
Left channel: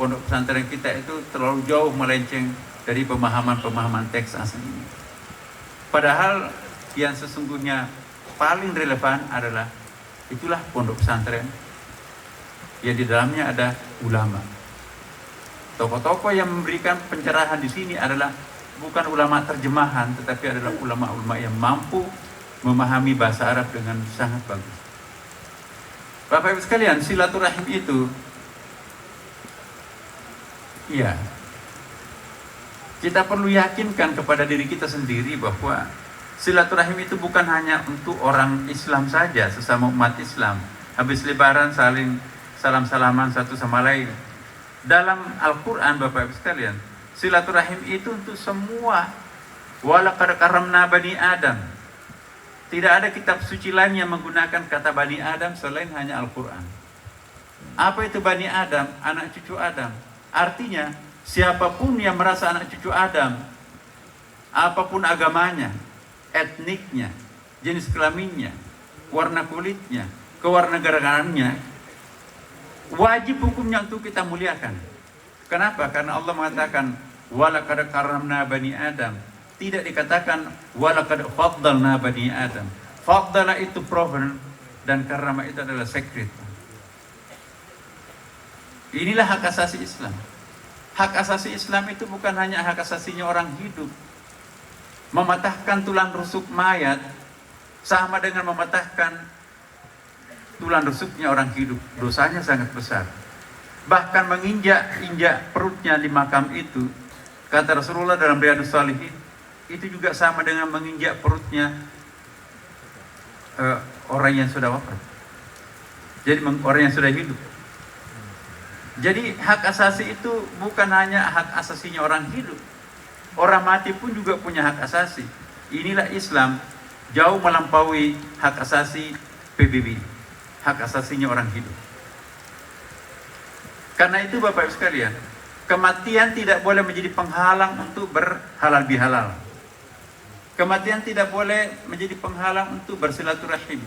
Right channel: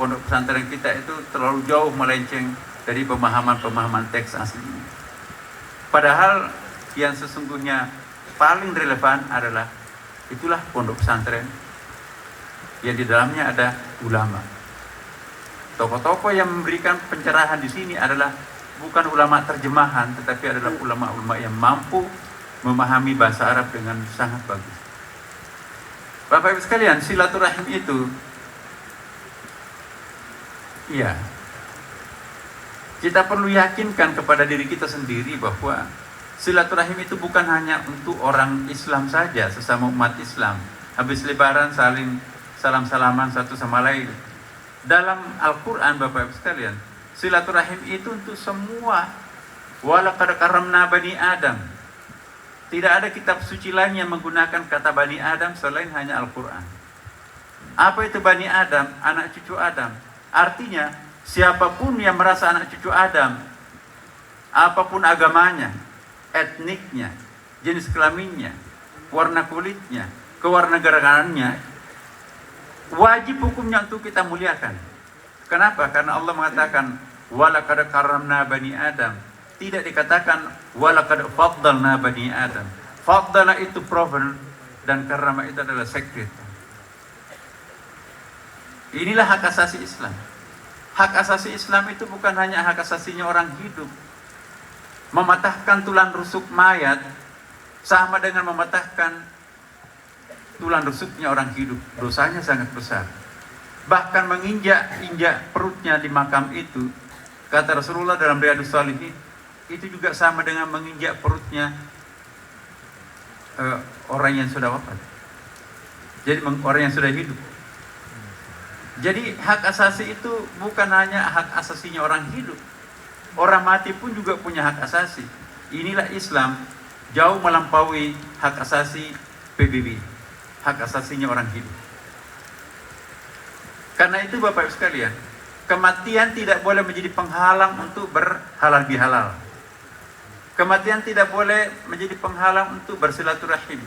pondok pesantren kita itu terlalu jauh melenceng dari pemahaman teks aslinya. Padahal yang sesungguhnya paling relevan adalah itulah pondok pesantren yang di dalamnya ada ulama. Tokoh-tokoh yang memberikan pencerahan di sini adalah bukan ulama terjemahan, tetapi adalah ulama-ulama yang mampu memahami bahasa Arab dengan sangat bagus. Bapak Ibu sekalian, silaturahim itu, ya, kita perlu yakinkan kepada diri kita sendiri bahwa silaturahim itu bukan hanya untuk orang Islam saja, sesama umat Islam. Habis lebaran saling salam-salaman satu sama lain. Dalam Al-Quran, Bapak Ibu sekalian, silaturahim itu untuk semua. Walaqad karamna bani Adam. Tidak ada kitab suci lain yang menggunakan kata bani Adam selain hanya Al-Quran. Apa itu bani Adam? Anak cucu Adam. Artinya, siapapun yang merasa anak cucu Adam, apapun agamanya, etniknya, jenis kelaminnya, warna kulitnya, kewarganegaraannya, wajib hukumnya untuk kita muliakan. Kenapa? Karena Allah mengatakan walaqad karramna bani Adam. Tidak dikatakan walaqad faddalna bani Adam. Faddala itu proven dan karrama itu adalah sacred. Inilah hak asasi Islam. Hak asasi Islam itu bukan hanya hak asasinya orang hidup. Mematahkan tulang rusuk mayat sama dengan mematahkan tulang rusuknya orang hidup. Dosanya sangat besar. bahkan menginjak perutnya di makam itu. Kata Rasulullah dalam Riyadhus Shalihin, itu juga sama dengan menginjak perutnya orang yang sudah wafat. Jadi orang yang sudah hidup. Jadi hak asasi itu bukan hanya hak asasinya orang hidup, orang mati pun juga punya hak asasi. Inilah Islam jauh melampaui hak asasi PBB, hak asasinya orang hidup. Karena itu Bapak Ibu sekalian, kematian tidak boleh menjadi penghalang untuk berhalal bihalal. Kematian tidak boleh menjadi penghalang untuk bersilaturahim.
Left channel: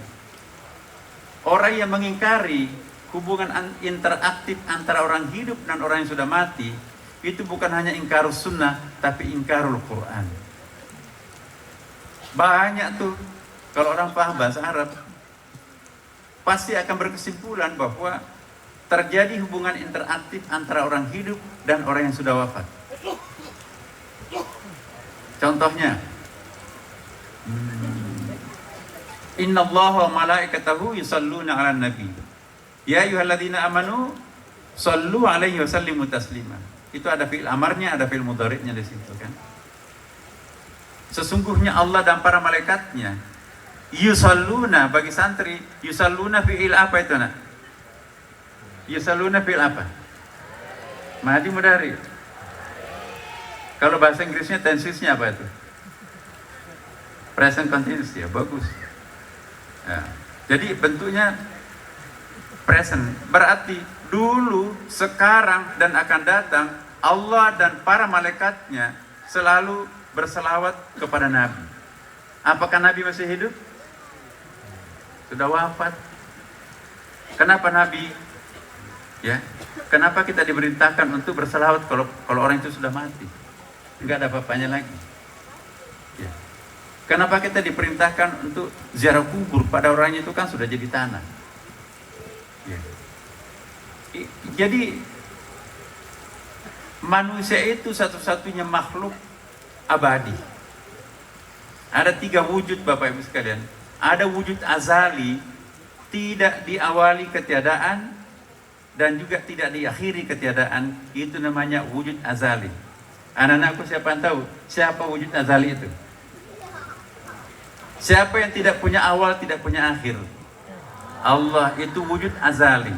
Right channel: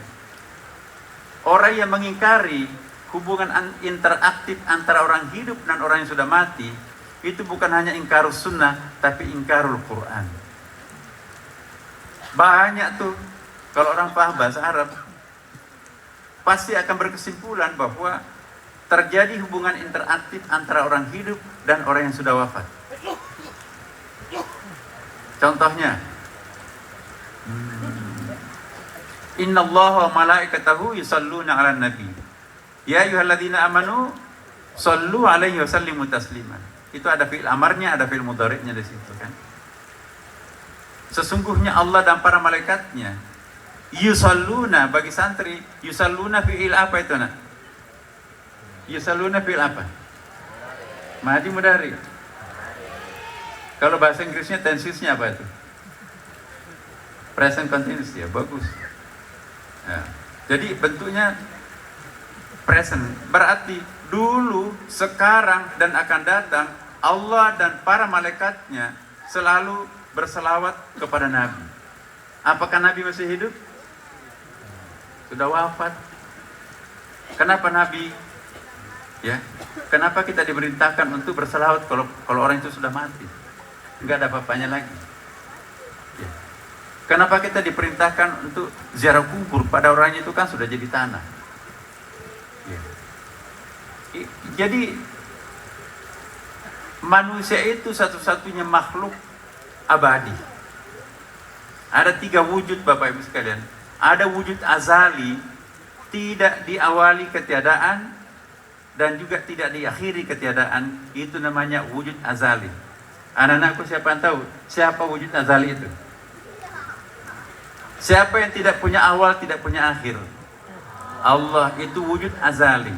Orang yang mengingkari hubungan interaktif antara orang hidup dan orang yang sudah mati, itu bukan hanya ingkarus sunnah, tapi ingkarul Quran. Banyak tuh, kalau orang paham bahasa Arab, pasti akan berkesimpulan bahwa terjadi hubungan interaktif antara orang hidup dan orang yang sudah wafat. Contohnya, Inna Allah wa malaikatahu yusalluna ala nabi ya ayyuhalladzina amanu sallu alaihi wa sallimu taslima. Itu ada fi'il amarnya, ada fi'il mudhari'nya di situ kan. Sesungguhnya Allah dan para malaikatnya yusalluna, bagi santri yusalluna fi'il apa itu nak? Yusalluna fi'il apa? Madi mudhari. Kalau bahasa Inggrisnya tensisnya apa itu? Present continuous ya, bagus. Nah, jadi bentuknya present, berarti dulu, sekarang, dan akan datang Allah dan para malaikatnya selalu berselawat kepada Nabi. Apakah Nabi masih hidup? Sudah wafat. Kenapa Nabi? Ya, kenapa kita diperintahkan untuk berselawat kalau orang itu sudah mati? Enggak ada apa-apanya lagi. Ya. Kenapa kita diperintahkan untuk ziarah kubur pada orangnya itu kan sudah jadi tanah? Ya. Jadi manusia itu satu-satunya makhluk abadi. Ada 3 wujud Bapak Ibu sekalian. Ada wujud azali, tidak diawali ketiadaan dan juga tidak diakhiri ketiadaan. Itu namanya wujud azali. Anak-anakku, siapa yang tahu siapa wujud azali itu? Siapa yang tidak punya awal, tidak punya akhir? Allah, itu wujud azali.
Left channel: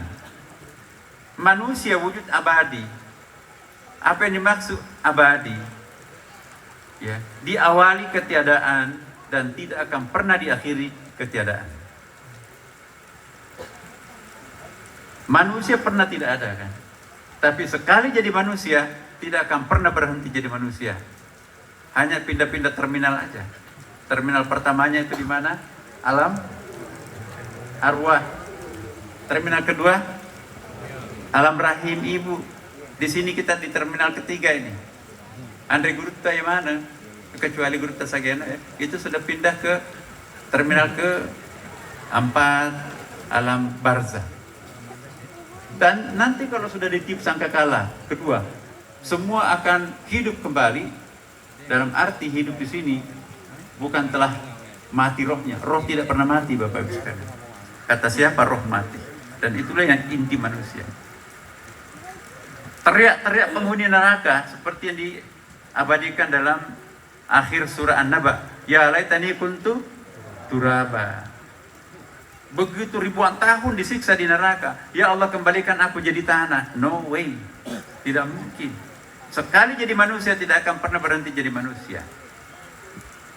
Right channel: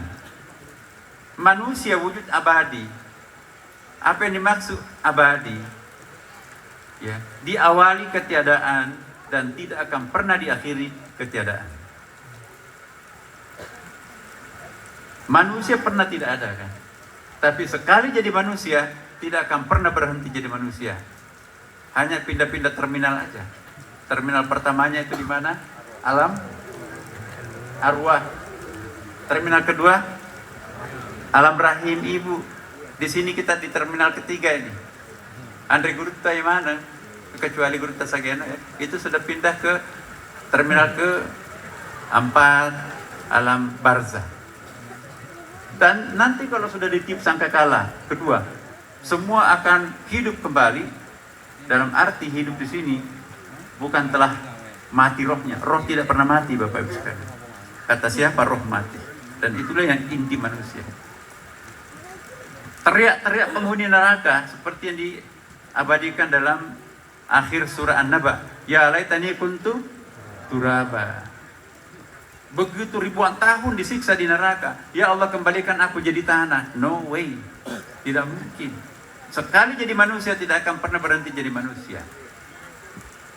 Manusia wujud abadi. Apa yang dimaksud abadi? Ya, diawali ketiadaan dan tidak akan pernah diakhiri ketiadaan. Manusia pernah tidak ada kan? Tapi sekali jadi manusia, tidak akan pernah berhenti jadi manusia. Hanya pindah-pindah terminal aja. Terminal pertamanya itu di mana? Alam arwah. Terminal kedua, alam rahim ibu. Di sini kita di terminal ketiga ini. Andre Gurutta yang mana? Kecuali Gurutta Sagena ya. Itu sudah pindah ke terminal ke-4, alam barzah. Dan nanti kalau sudah ditiup sangkakala kedua, semua akan hidup kembali. Dalam arti hidup di sini bukan telah mati rohnya. Roh tidak pernah mati Bapak Ibu sekalian. Kata siapa? Roh mati. Dan itulah yang inti manusia. Teriak-teriak penghuni neraka seperti yang diabadikan dalam akhir surah An-Naba. Ya laitani kuntu turaba. Begitu ribuan tahun disiksa di neraka. Ya Allah, kembalikan aku jadi tanah. No way. Tidak mungkin. Sekali jadi manusia tidak akan pernah berhenti jadi manusia.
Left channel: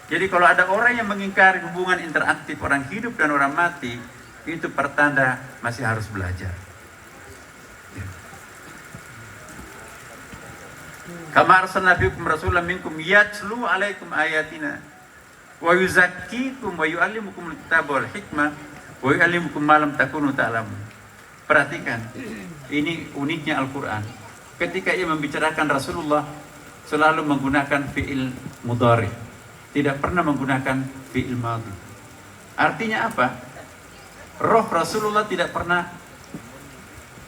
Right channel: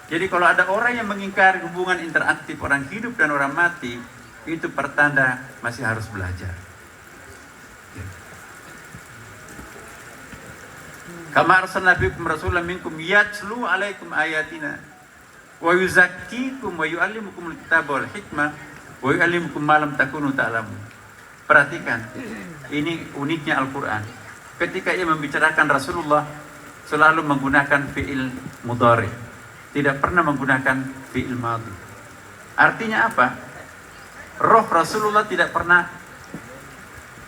Jadi kalau ada orang yang mengingkari hubungan interaktif orang hidup dan orang mati, itu pertanda masih harus belajar. Kama arsalna fiikum rasulan minkum yatslu alaikum ayatina wa yuzakkikum wa yu'allimukumul kitaba wal hikmah wa yu'allimukum ma lam takunu ta'lamun. Perhatikan, ini uniknya Al-Quran. Ketika ia membicarakan Rasulullah, selalu menggunakan fi'il mudhari. Tidak pernah menggunakan fi'il madhi. Artinya apa? Roh Rasulullah tidak pernah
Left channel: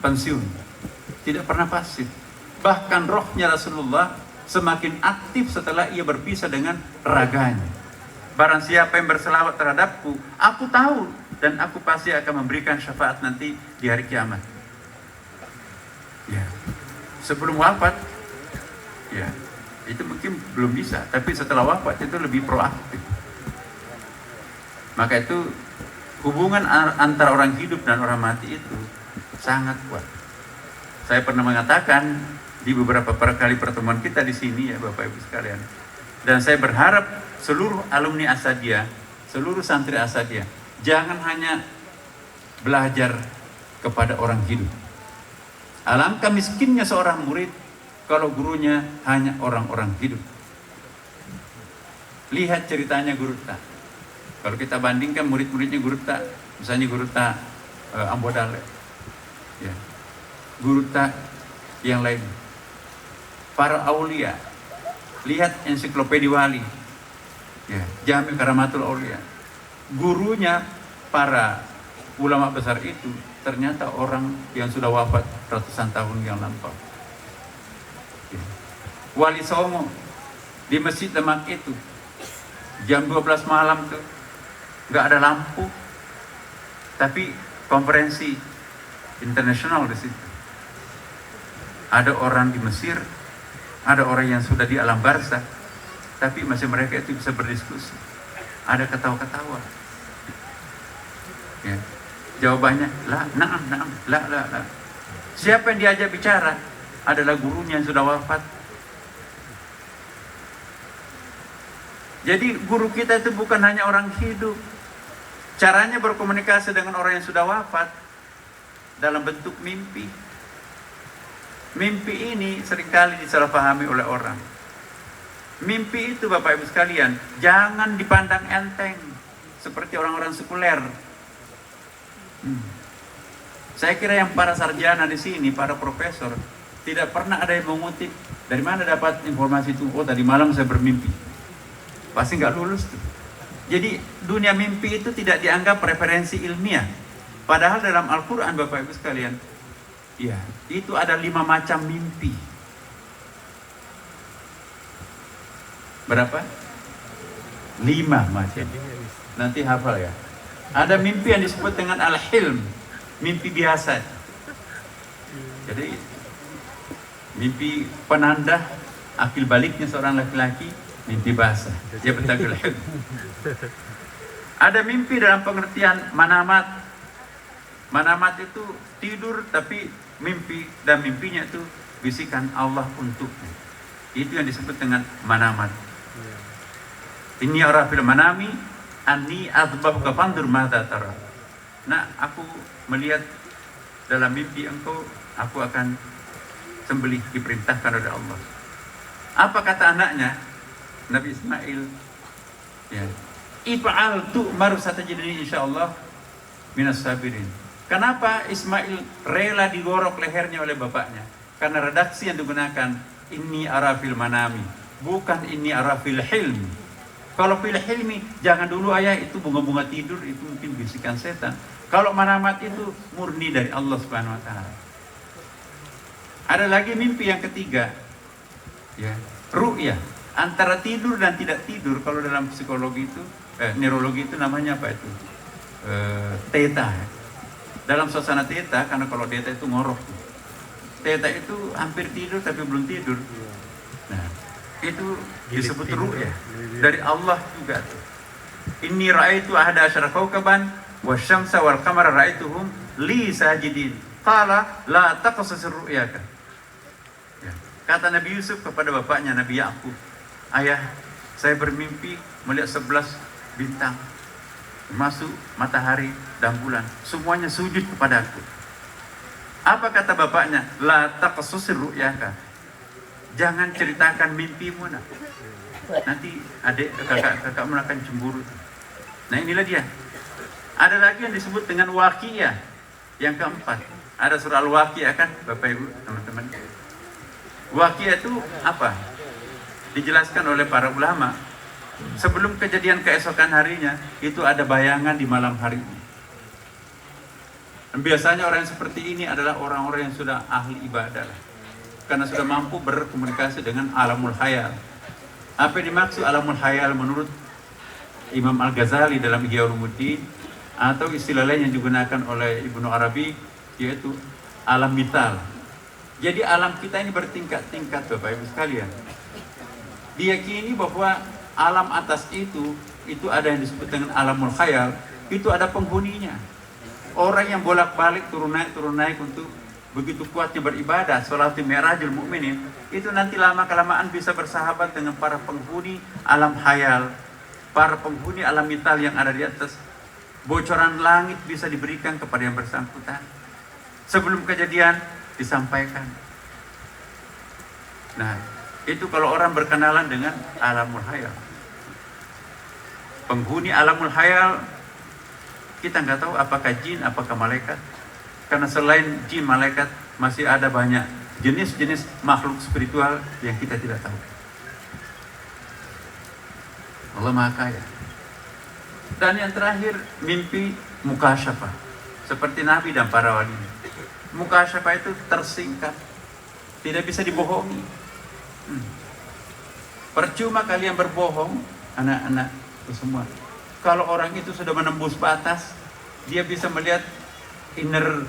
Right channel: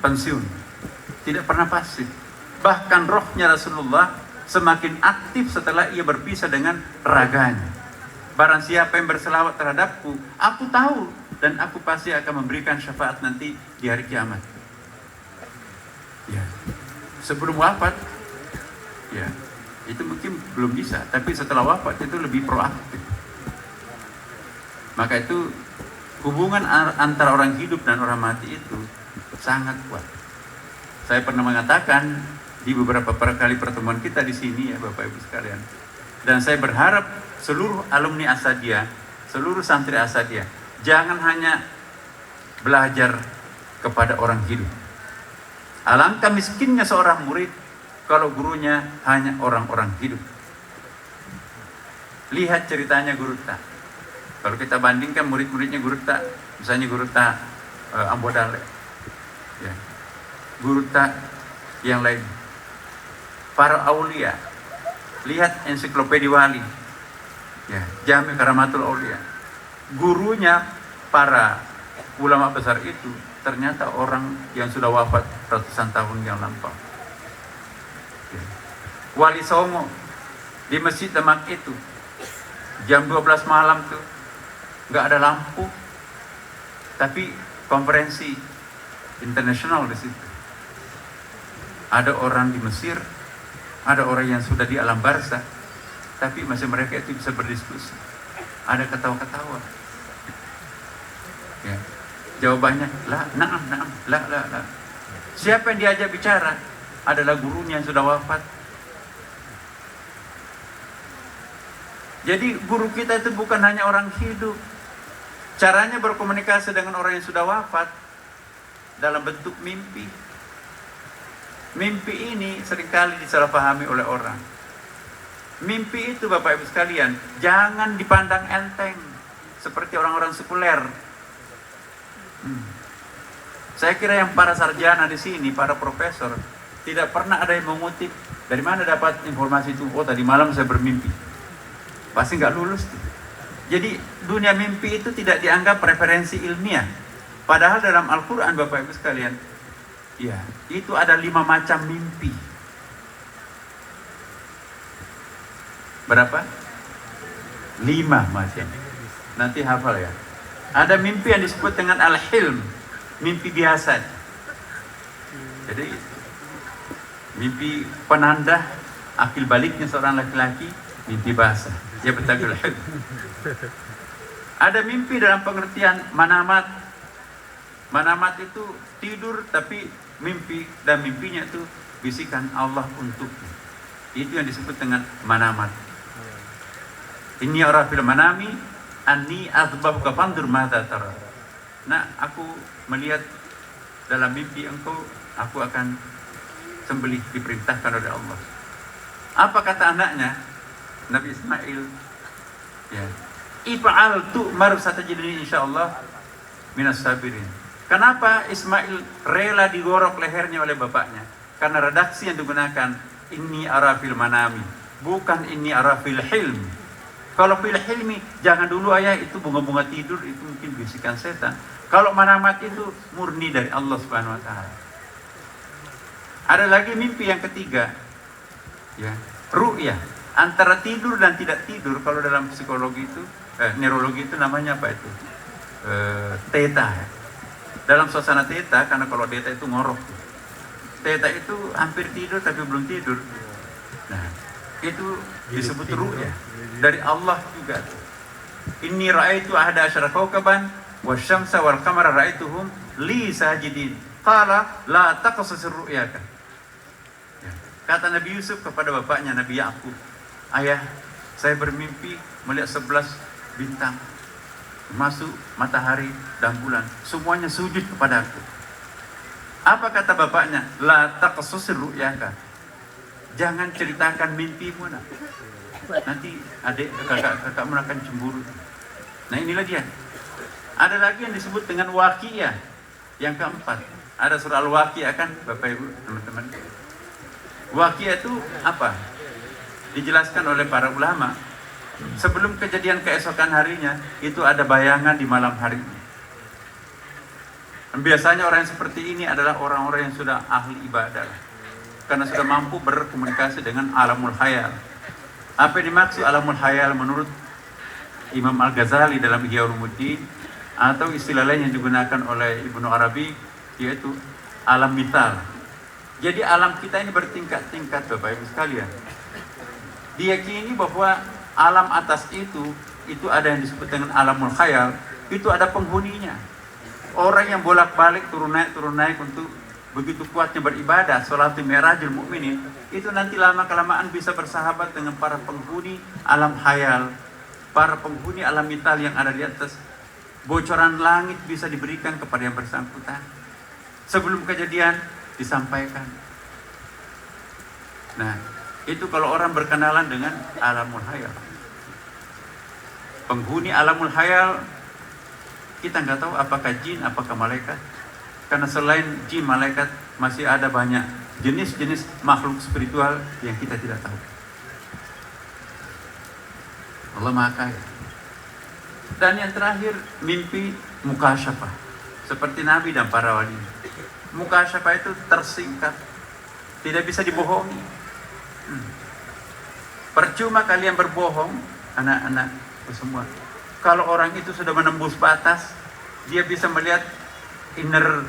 pensiun, tidak pernah pasif. Bahkan rohnya Rasulullah semakin aktif setelah ia berpisah dengan raganya. Barang siapa yang berselawat terhadapku, aku tahu dan aku pasti akan memberikan syafaat nanti di hari kiamat. sebelum wafat, ya itu mungkin belum bisa, tapi setelah wafat itu lebih proaktif. Maka itu hubungan antara orang hidup dan orang mati itu sangat kuat. Saya pernah mengatakan di beberapa kali pertemuan kita di sini ya Bapak Ibu sekalian, dan saya berharap seluruh alumni Asadiyah, seluruh santri Asadiyah, jangan hanya belajar kepada orang hidup. Alangkah miskinnya seorang murid kalau gurunya hanya orang-orang hidup. Lihat ceritanya Guru Ta. Kalau kita bandingkan murid-muridnya Guru Ta, misalnya Guru Ta Ambodale, ya, Guru Ta yang lain, para aulia, lihat ensiklopedia Wali, ya, Jami Karamatul Aulia. Gurunya para ulama besar itu ternyata orang yang sudah wafat ratusan tahun yang lampau. Ya. Wali Songo di Masjid Demak itu jam 12 malam tuh nggak ada lampu, tapi konferensi internasional di situ. Ada orang di Mesir, ada orang yang sudah di alam barzakh, tapi masih mereka itu bisa berdiskusi. Ada ketawa-ketawa. Ya. Jawabannya, la, naam, la. Siapa yang diajak bicara? Adalah gurunya yang sudah wafat. Jadi guru kita itu bukan hanya orang hidup. Caranya berkomunikasi dengan orang yang sudah wafat dalam bentuk mimpi. Mimpi ini seringkali disalahpahami oleh orang. Mimpi itu Bapak Ibu sekalian, jangan dipandang enteng seperti orang-orang sekuler. Saya kira yang para sarjana di sini, para profesor, tidak pernah ada yang mengutip dari mana dapat informasi itu. Oh, tadi malam saya bermimpi. Pasti nggak lulus tuh. Jadi dunia mimpi itu tidak dianggap referensi ilmiah. Padahal dalam Al-Quran Bapak Ibu sekalian, ya, itu ada 5 macam mimpi. Berapa? 5 macam. Nanti hafal ya. Ada mimpi yang disebut dengan al-hilm, mimpi biasa. Jadi mimpi penanda akil baliknya seorang laki-laki, mimpi basah. Dia bertagul hilm. Ada mimpi dalam pengertian manamat. Manamat itu tidur tapi mimpi, dan mimpinya itu bisikan Allah untukmu. Itu yang disebut dengan manamat. Inni ara fil manami anni azbahuka fandur madza tara. Nah, aku melihat dalam mimpi engkau, aku akan sembelih, diperintahkan oleh Allah. Apa kata anaknya? Nabi Ismail, ya, if'al tu'mar satajidni insyaallah minas sabirin. Kenapa Ismail rela digorok lehernya oleh bapaknya? Karena redaksi yang digunakan inni ara fil manami, bukan inni ara fil hilm. Kalau fil hilmi, jangan dulu ayah, itu bunga-bunga tidur, itu mungkin bisikan setan. Kalau manamat itu murni dari Allah Subhanahu wa taala. Ada lagi mimpi yang ketiga, ya, ru'yah. Antara tidur dan tidak tidur, kalau dalam psikologi itu, neurologi itu namanya apa itu? Theta. Dalam suasana theta, karena kalau theta itu ngorok. Theta itu hampir tidur tapi belum tidur. Nah, itu disebut ru'yah. Dari Allah juga tuh. Inni ra'aitu ahada asyara kawkaban wasyamsa wal qamara ra'aituhum li sajidin. Qala la taqassas ru'yaka. Kata Nabi Yusuf kepada bapaknya Nabi Yakub, ayah, saya bermimpi melihat 11 bintang, masuk matahari dan bulan, semuanya sujud kepadaku. Apa kata bapaknya? La taqassas ru'yaka. Jangan ceritakan mimpimu, nak. Nanti adik kakakmu akan cemburu. Nah, inilah dia. Ada lagi yang disebut dengan waqiyah. Yang keempat, ada surah Al-Waqiyah kan, Bapak Ibu, teman-teman. Waqiyah itu apa? Dijelaskan oleh para ulama. Sebelum kejadian keesokan harinya, itu ada bayangan di malam harinya. Biasanya orang yang seperti ini adalah orang-orang yang sudah ahli ibadah, karena sudah mampu berkomunikasi dengan alamul khayal. Apa yang dimaksud alamul khayal menurut Imam Al-Ghazali dalam Ihya Ulumuddin, atau istilah lain yang digunakan oleh Ibnu Arabi, yaitu alam mithal. Jadi alam kita ini bertingkat-tingkat Bapak Ibu sekalian. Diyakini bahwa alam atas itu ada yang disebut dengan alamul khayal, itu ada penghuninya. Orang yang bolak-balik turun naik untuk begitu kuatnya beribadah, sholatul mi'rajul mu'minin, itu nanti lama-kelamaan bisa bersahabat dengan para penghuni alam khayal, para penghuni alam mital yang ada di atas. Bocoran langit bisa diberikan kepada yang bersangkutan. Sebelum kejadian disampaikan. Nah, itu kalau orang berkenalan dengan alamul khayal. Penghuni alamul khayal, kita nggak tahu apakah jin, apakah malaikat. Karena selain jin, malaikat, masih ada banyak jenis-jenis makhluk spiritual yang kita tidak tahu. Allah Maha Kaya. Dan yang terakhir, mimpi mukasyafah. Seperti Nabi dan para wali. Mukasyafah itu tersingkat, tidak bisa dibohongi. Percuma kalian berbohong, anak-anak semua. Kalau orang itu sudah menembus batas, dia bisa melihat inner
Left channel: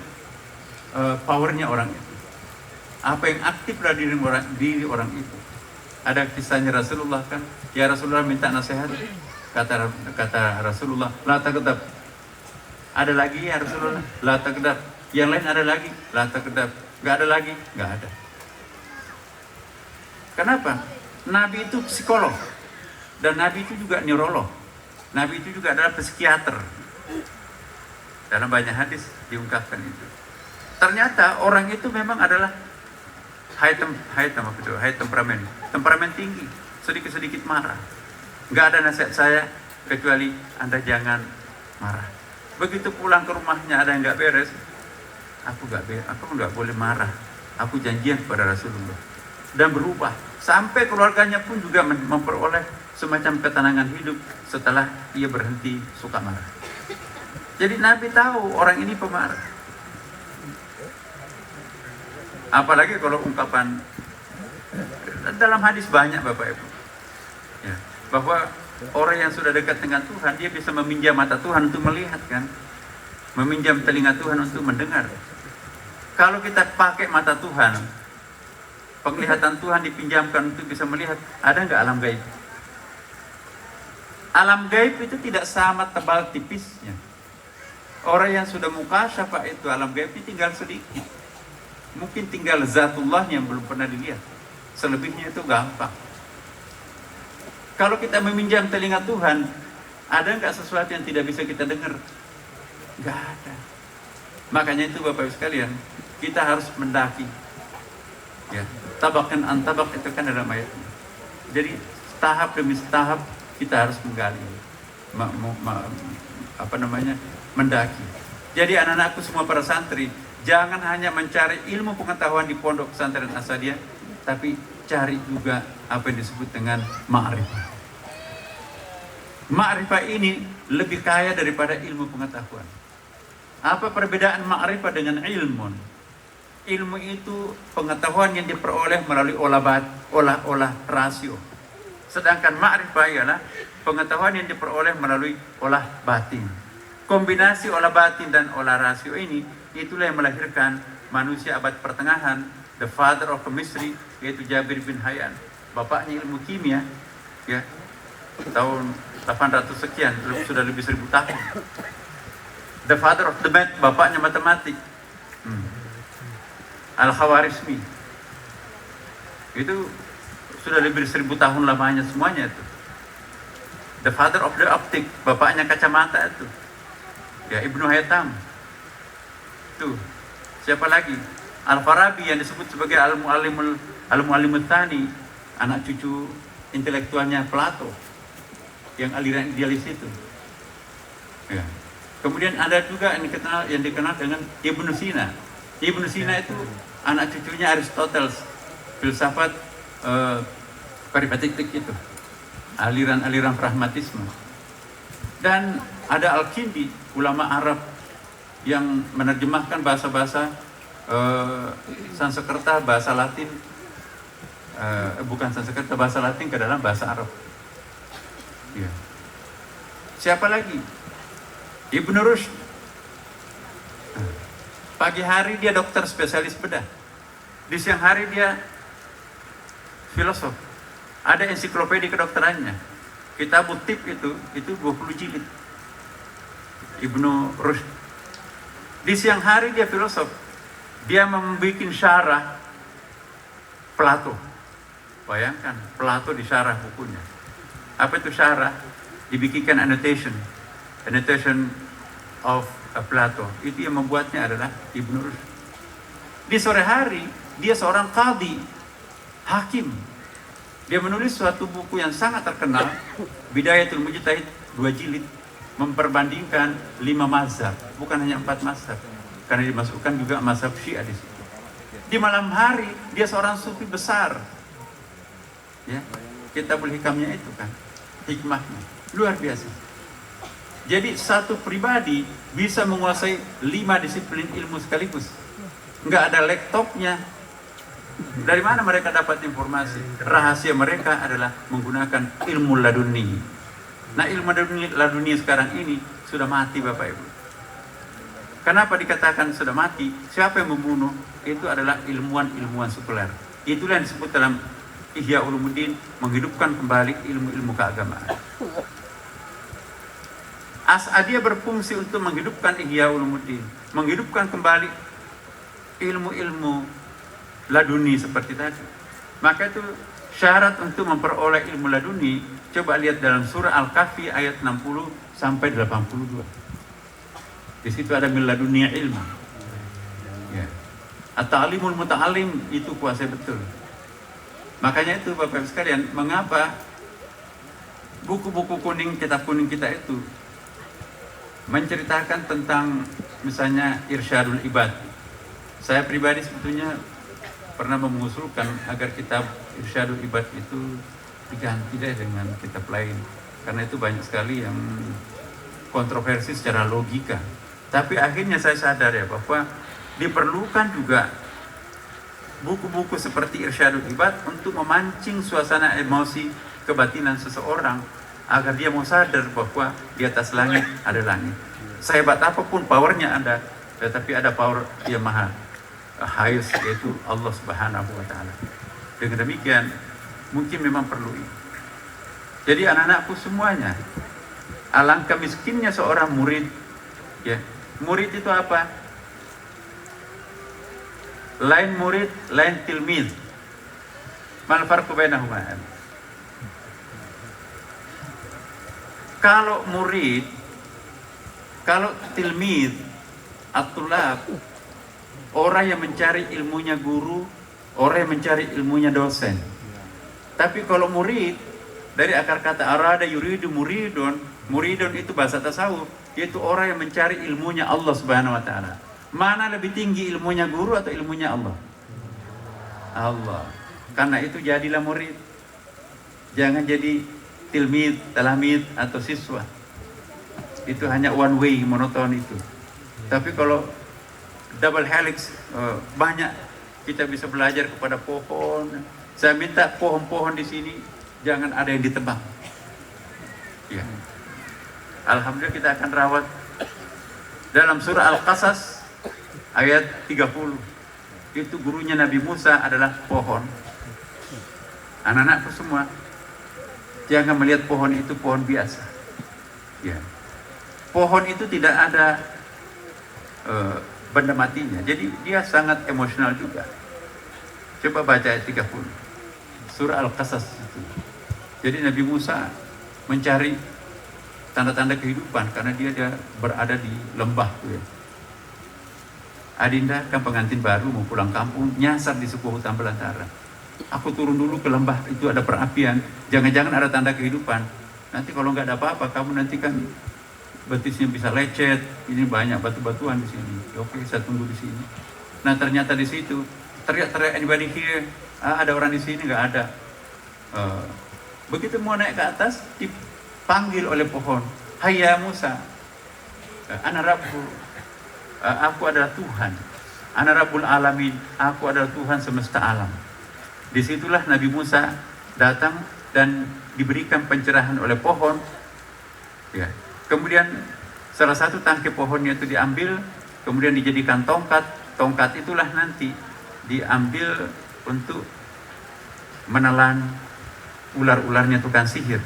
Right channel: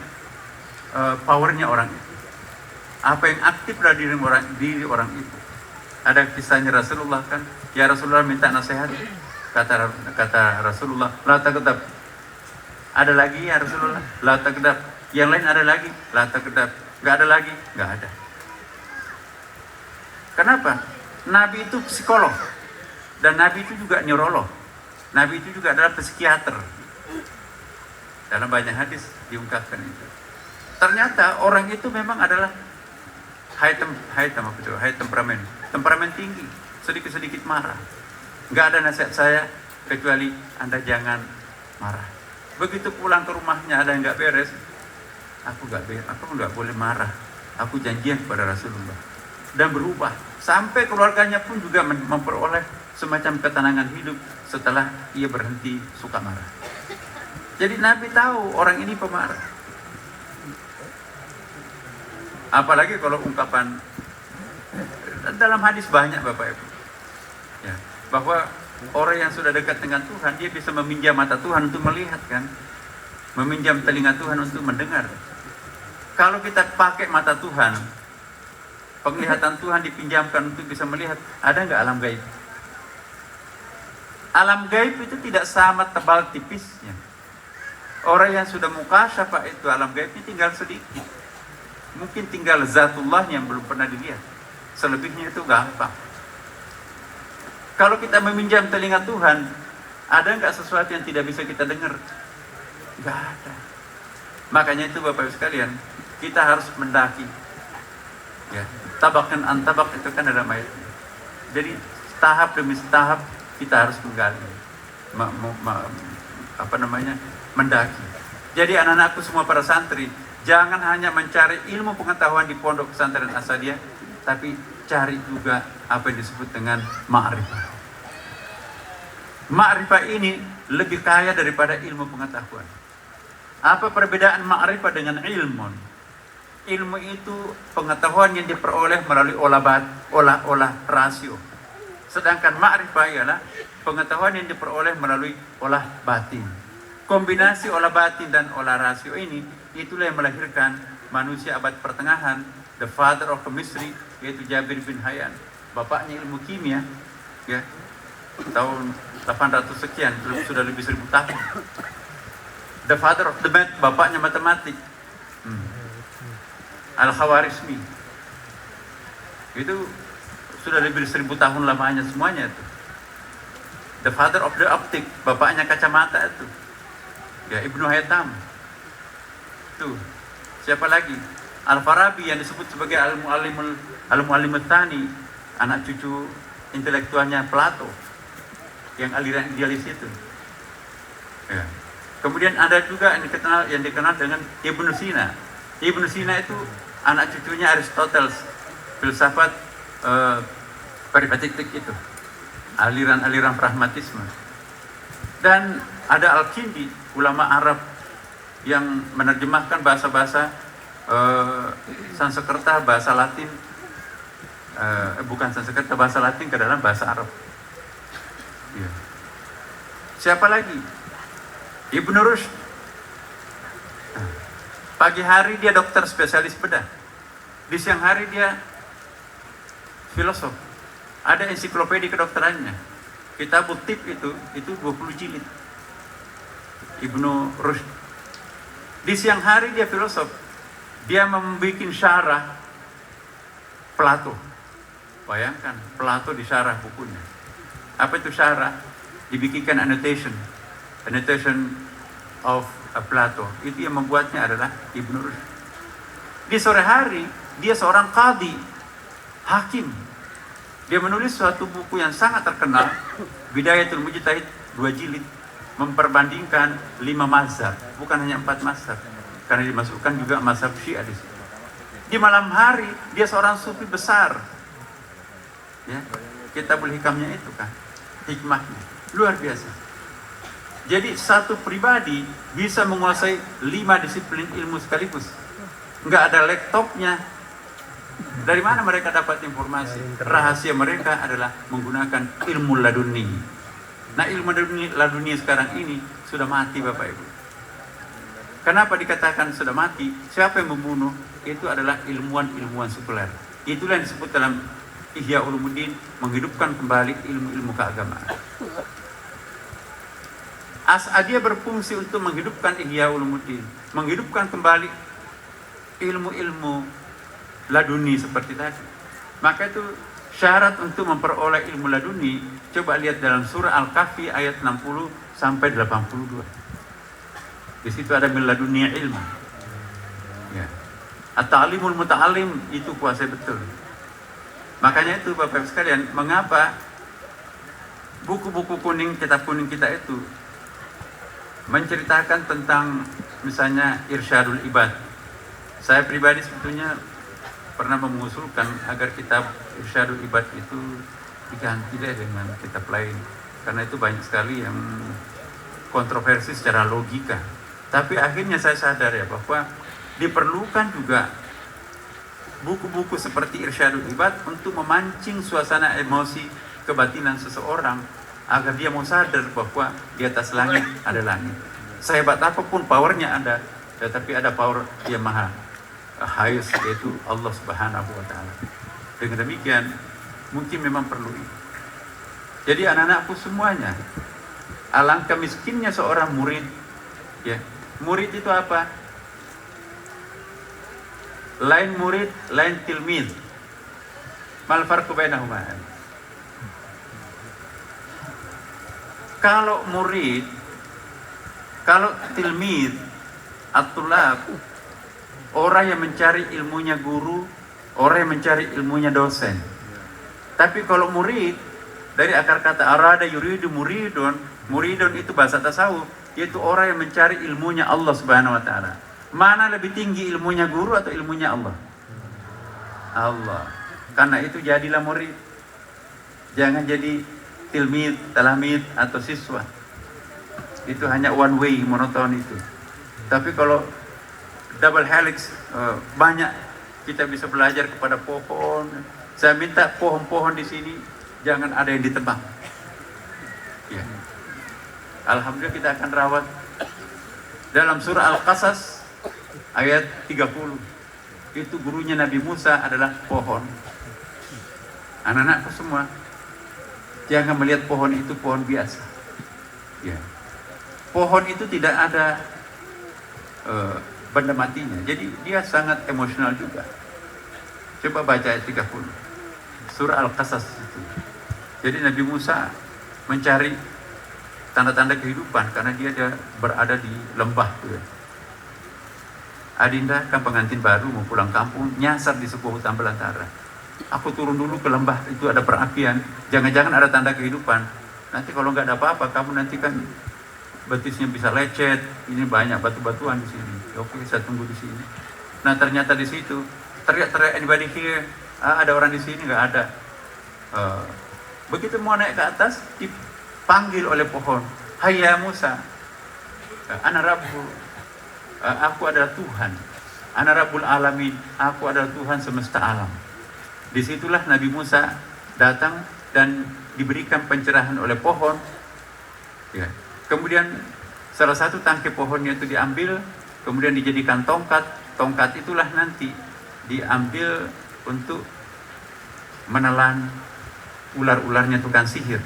powernya orang itu. Apa yang aktif pada diri orang itu. Ada kisahnya Rasulullah kan, ya Rasulullah minta nasihat. Kata Rasulullah, la taghdab. Ada lagi ya Rasulullah, la taghdab. Yang lain ada lagi, la taghdab. Enggak ada lagi, enggak ada. Kenapa? Nabi itu psikolog dan Nabi itu juga neurolog. Nabi itu juga adalah psikiater. Dalam banyak hadis diungkapkan itu. Ternyata orang itu memang adalah high temperamen tinggi, sedikit-sedikit marah. Nggak ada nasihat saya kecuali Anda jangan marah. Begitu pulang ke rumahnya ada yang nggak beres, aku nggak boleh marah. Aku janjian kepada Rasulullah dan berubah sampai keluarganya pun juga memperoleh semacam ketenangan hidup setelah ia berhenti suka marah. Jadi Nabi tahu orang ini pemarah. Apalagi kalau ungkapan dalam hadis banyak Bapak Ibu. Ya, bahwa orang yang sudah dekat dengan Tuhan, dia bisa meminjam mata Tuhan untuk melihat kan, meminjam telinga Tuhan untuk mendengar. Kalau kita pakai mata Tuhan, penglihatan Tuhan dipinjamkan untuk bisa melihat, ada nggak alam gaib? Alam gaib itu tidak sama tebal tipisnya. Orang yang sudah mukasyafah itu alam gaibnya tinggal sedikit. Mungkin tinggal zatullah yang belum pernah dilihat. Selebihnya itu gampang. Kalau kita meminjam telinga Tuhan, ada nggak sesuatu yang tidak bisa kita dengar? Nggak ada. Makanya itu Bapak Ibu sekalian, kita harus mendaki. Ya, tabakan antabak itu kan ada ayatnya. Jadi tahap demi tahap kita harus menggali, mendaki. Jadi anak-anakku semua para santri, jangan hanya mencari ilmu pengetahuan di pondok pesantren Asadiyah, tapi cari juga apa yang disebut dengan ma'rifah. Ma'rifah ini lebih kaya daripada ilmu pengetahuan. Apa perbedaan ma'rifah dengan ilmu? Ilmu itu pengetahuan yang diperoleh melalui olah rasio. Sedangkan ma'rifah ialah pengetahuan yang diperoleh melalui olah batin. Kombinasi olah batin dan olah rasio ini, itulah yang melahirkan manusia abad pertengahan, the father of chemistry, yaitu Jabir bin Hayyan. Bapaknya ilmu kimia, ya, tahun 800 sekian, sudah lebih 1000 tahun. The father of the math, bapaknya matematik, Al-Khawarizmi. Itu sudah lebih 1000 tahun lamanya semuanya itu. The father of the optic, bapaknya kacamata itu, ya, Ibnu Haytham. Tuh, siapa lagi? Al-Farabi yang disebut sebagai Al-Mu'allimut Tsani, anak cucu intelektualnya Plato, yang aliran idealis itu. Ya. Kemudian ada juga yang dikenal dengan Ibnu Sina. Ibnu Sina itu anak cucunya Aristoteles, filsafat peripatetik itu, aliran-aliran pragmatisme. Dan ada Al-Kindi, ulama Arab yang menerjemahkan bahasa-bahasa Sanskerta, bahasa Latin, bukan Sanskerta, bahasa Latin ke dalam bahasa Arab. Ya. Siapa lagi? Ibnu Rushd. Pagi hari dia dokter spesialis bedah. Di siang hari dia filosof. Ada ensiklopedia kedokterannya. Kitabut Tib itu 20 jilid. Ibnu Rushd. Di siang hari dia filosof. Dia membuat syarah Plato. Bayangkan, Plato disyarah bukunya. Apa itu syarah? Dibikinkan annotation of Plato. Itu yang membuatnya adalah Ibnu Rushd. Di sore hari, dia seorang qadhi, hakim. Dia menulis suatu buku yang sangat terkenal, Bidayatul Mujtahid, 2 jilid, memperbandingkan 5 mazhab, bukan hanya 4 mazhab, karena dimasukkan juga mazhab Syiah di situ. Di malam hari, dia seorang sufi besar. Ya, Kitabul Hikamnya itu kan, hikmahnya luar biasa. Jadi satu pribadi bisa menguasai 5 disiplin ilmu sekaligus. Nggak ada laptopnya. Dari mana mereka dapat informasi? Rahasia mereka adalah menggunakan ilmu laduni. Nah, ilmu laduni sekarang ini sudah mati, Bapak Ibu. Kenapa dikatakan sudah mati? Siapa yang membunuh? Itu adalah ilmuwan-ilmuwan sekuler. Itulah yang disebut dalam Ihya Ulumuddin, menghidupkan kembali ilmu-ilmu keagamaan. As'adiyah berfungsi untuk menghidupkan Ihya Ulumuddin, menghidupkan kembali ilmu-ilmu laduni seperti tadi. Maka itu syarat untuk memperoleh ilmu laduni. Coba lihat dalam surah Al-Kahfi ayat 60 sampai 82. Di situ ada min laduni ilma. Ya. At-ta'limul muta'alim itu kuasa betul. Makanya itu Bapak Ibu sekalian, mengapa buku-buku kuning, kitab kuning kita itu menceritakan tentang misalnya Irsyadul Ibad. Saya pribadi sebetulnya pernah mengusulkan agar kitab Irsyadul Ibad itu diganti deh dengan kitab lain, karena itu banyak sekali yang kontroversi secara logika. Tapi akhirnya saya sadar ya bahwa diperlukan juga buku-buku seperti Irsyadul Ibad untuk memancing suasana emosi kebatinan seseorang agar dia mau sadar bahwa di atas langit ada langit. Sehebat apapun powernya ada, tetapi ada power yang maha highest, yaitu Allah Subhanahu wa Ta'ala. Dengan demikian mungkin memang perlu ini. Jadi anak-anakku semuanya, alangkah miskinnya seorang murid. Ya, murid itu apa? Lain murid, lain tilmid. Mal farqu bainahuma? Kalau murid, kalau tilmid, at-tulab, orang yang mencari ilmunya guru, orang yang mencari ilmunya dosen. Tapi kalau murid, dari akar kata arada yuridu muridun, muridun itu bahasa tasawuf, yaitu orang yang mencari ilmunya Allah Subhanahu wa Ta'ala. Mana lebih tinggi, ilmunya guru atau ilmunya Allah? Allah. Karena itu jadilah murid. Jangan jadi tilmid, talamid atau siswa. Itu hanya one way, monoton itu. Tapi kalau double helix, banyak kita bisa belajar kepada pohon. Saya minta pohon-pohon di sini jangan ada yang ditebang. Ya. Alhamdulillah kita akan rawat. Dalam surah Al-Qasas ayat 30, itu gurunya Nabi Musa adalah pohon. Anak-anakku semua, jangan melihat pohon itu pohon biasa. Ya. Pohon itu tidak ada benda matinya, jadi dia sangat emosional juga. Coba baca ayat 30 surah Al-Qasas itu. Jadi Nabi Musa mencari tanda-tanda kehidupan karena dia berada di lembah tuh ya. Adinda kan pengantin baru mau pulang kampung, nyasar di sebuah hutan belantara. Aku turun dulu ke lembah, itu ada perapian, jangan-jangan ada tanda kehidupan. Nanti kalau nggak ada apa-apa, kamu nanti kan betisnya bisa lecet, ini banyak batu-batuan di sini. Oke, saya tunggu di sini. Nah ternyata di situ teriak-teriak, anybody here? Ada orang di sini? Nggak ada. Begitu mau naik ke atas, dipanggil oleh pohon. Hayya Musa, ana Rabbu, aku adalah Tuhan. Ana Rabbul Alamin, aku adalah Tuhan semesta alam. Disitulah Nabi Musa datang dan diberikan pencerahan oleh pohon. Ya. Kemudian salah satu tangkai pohonnya itu diambil, kemudian dijadikan tongkat. Tongkat itulah nanti diambil untuk menelan ular-ularnya tukang sihir.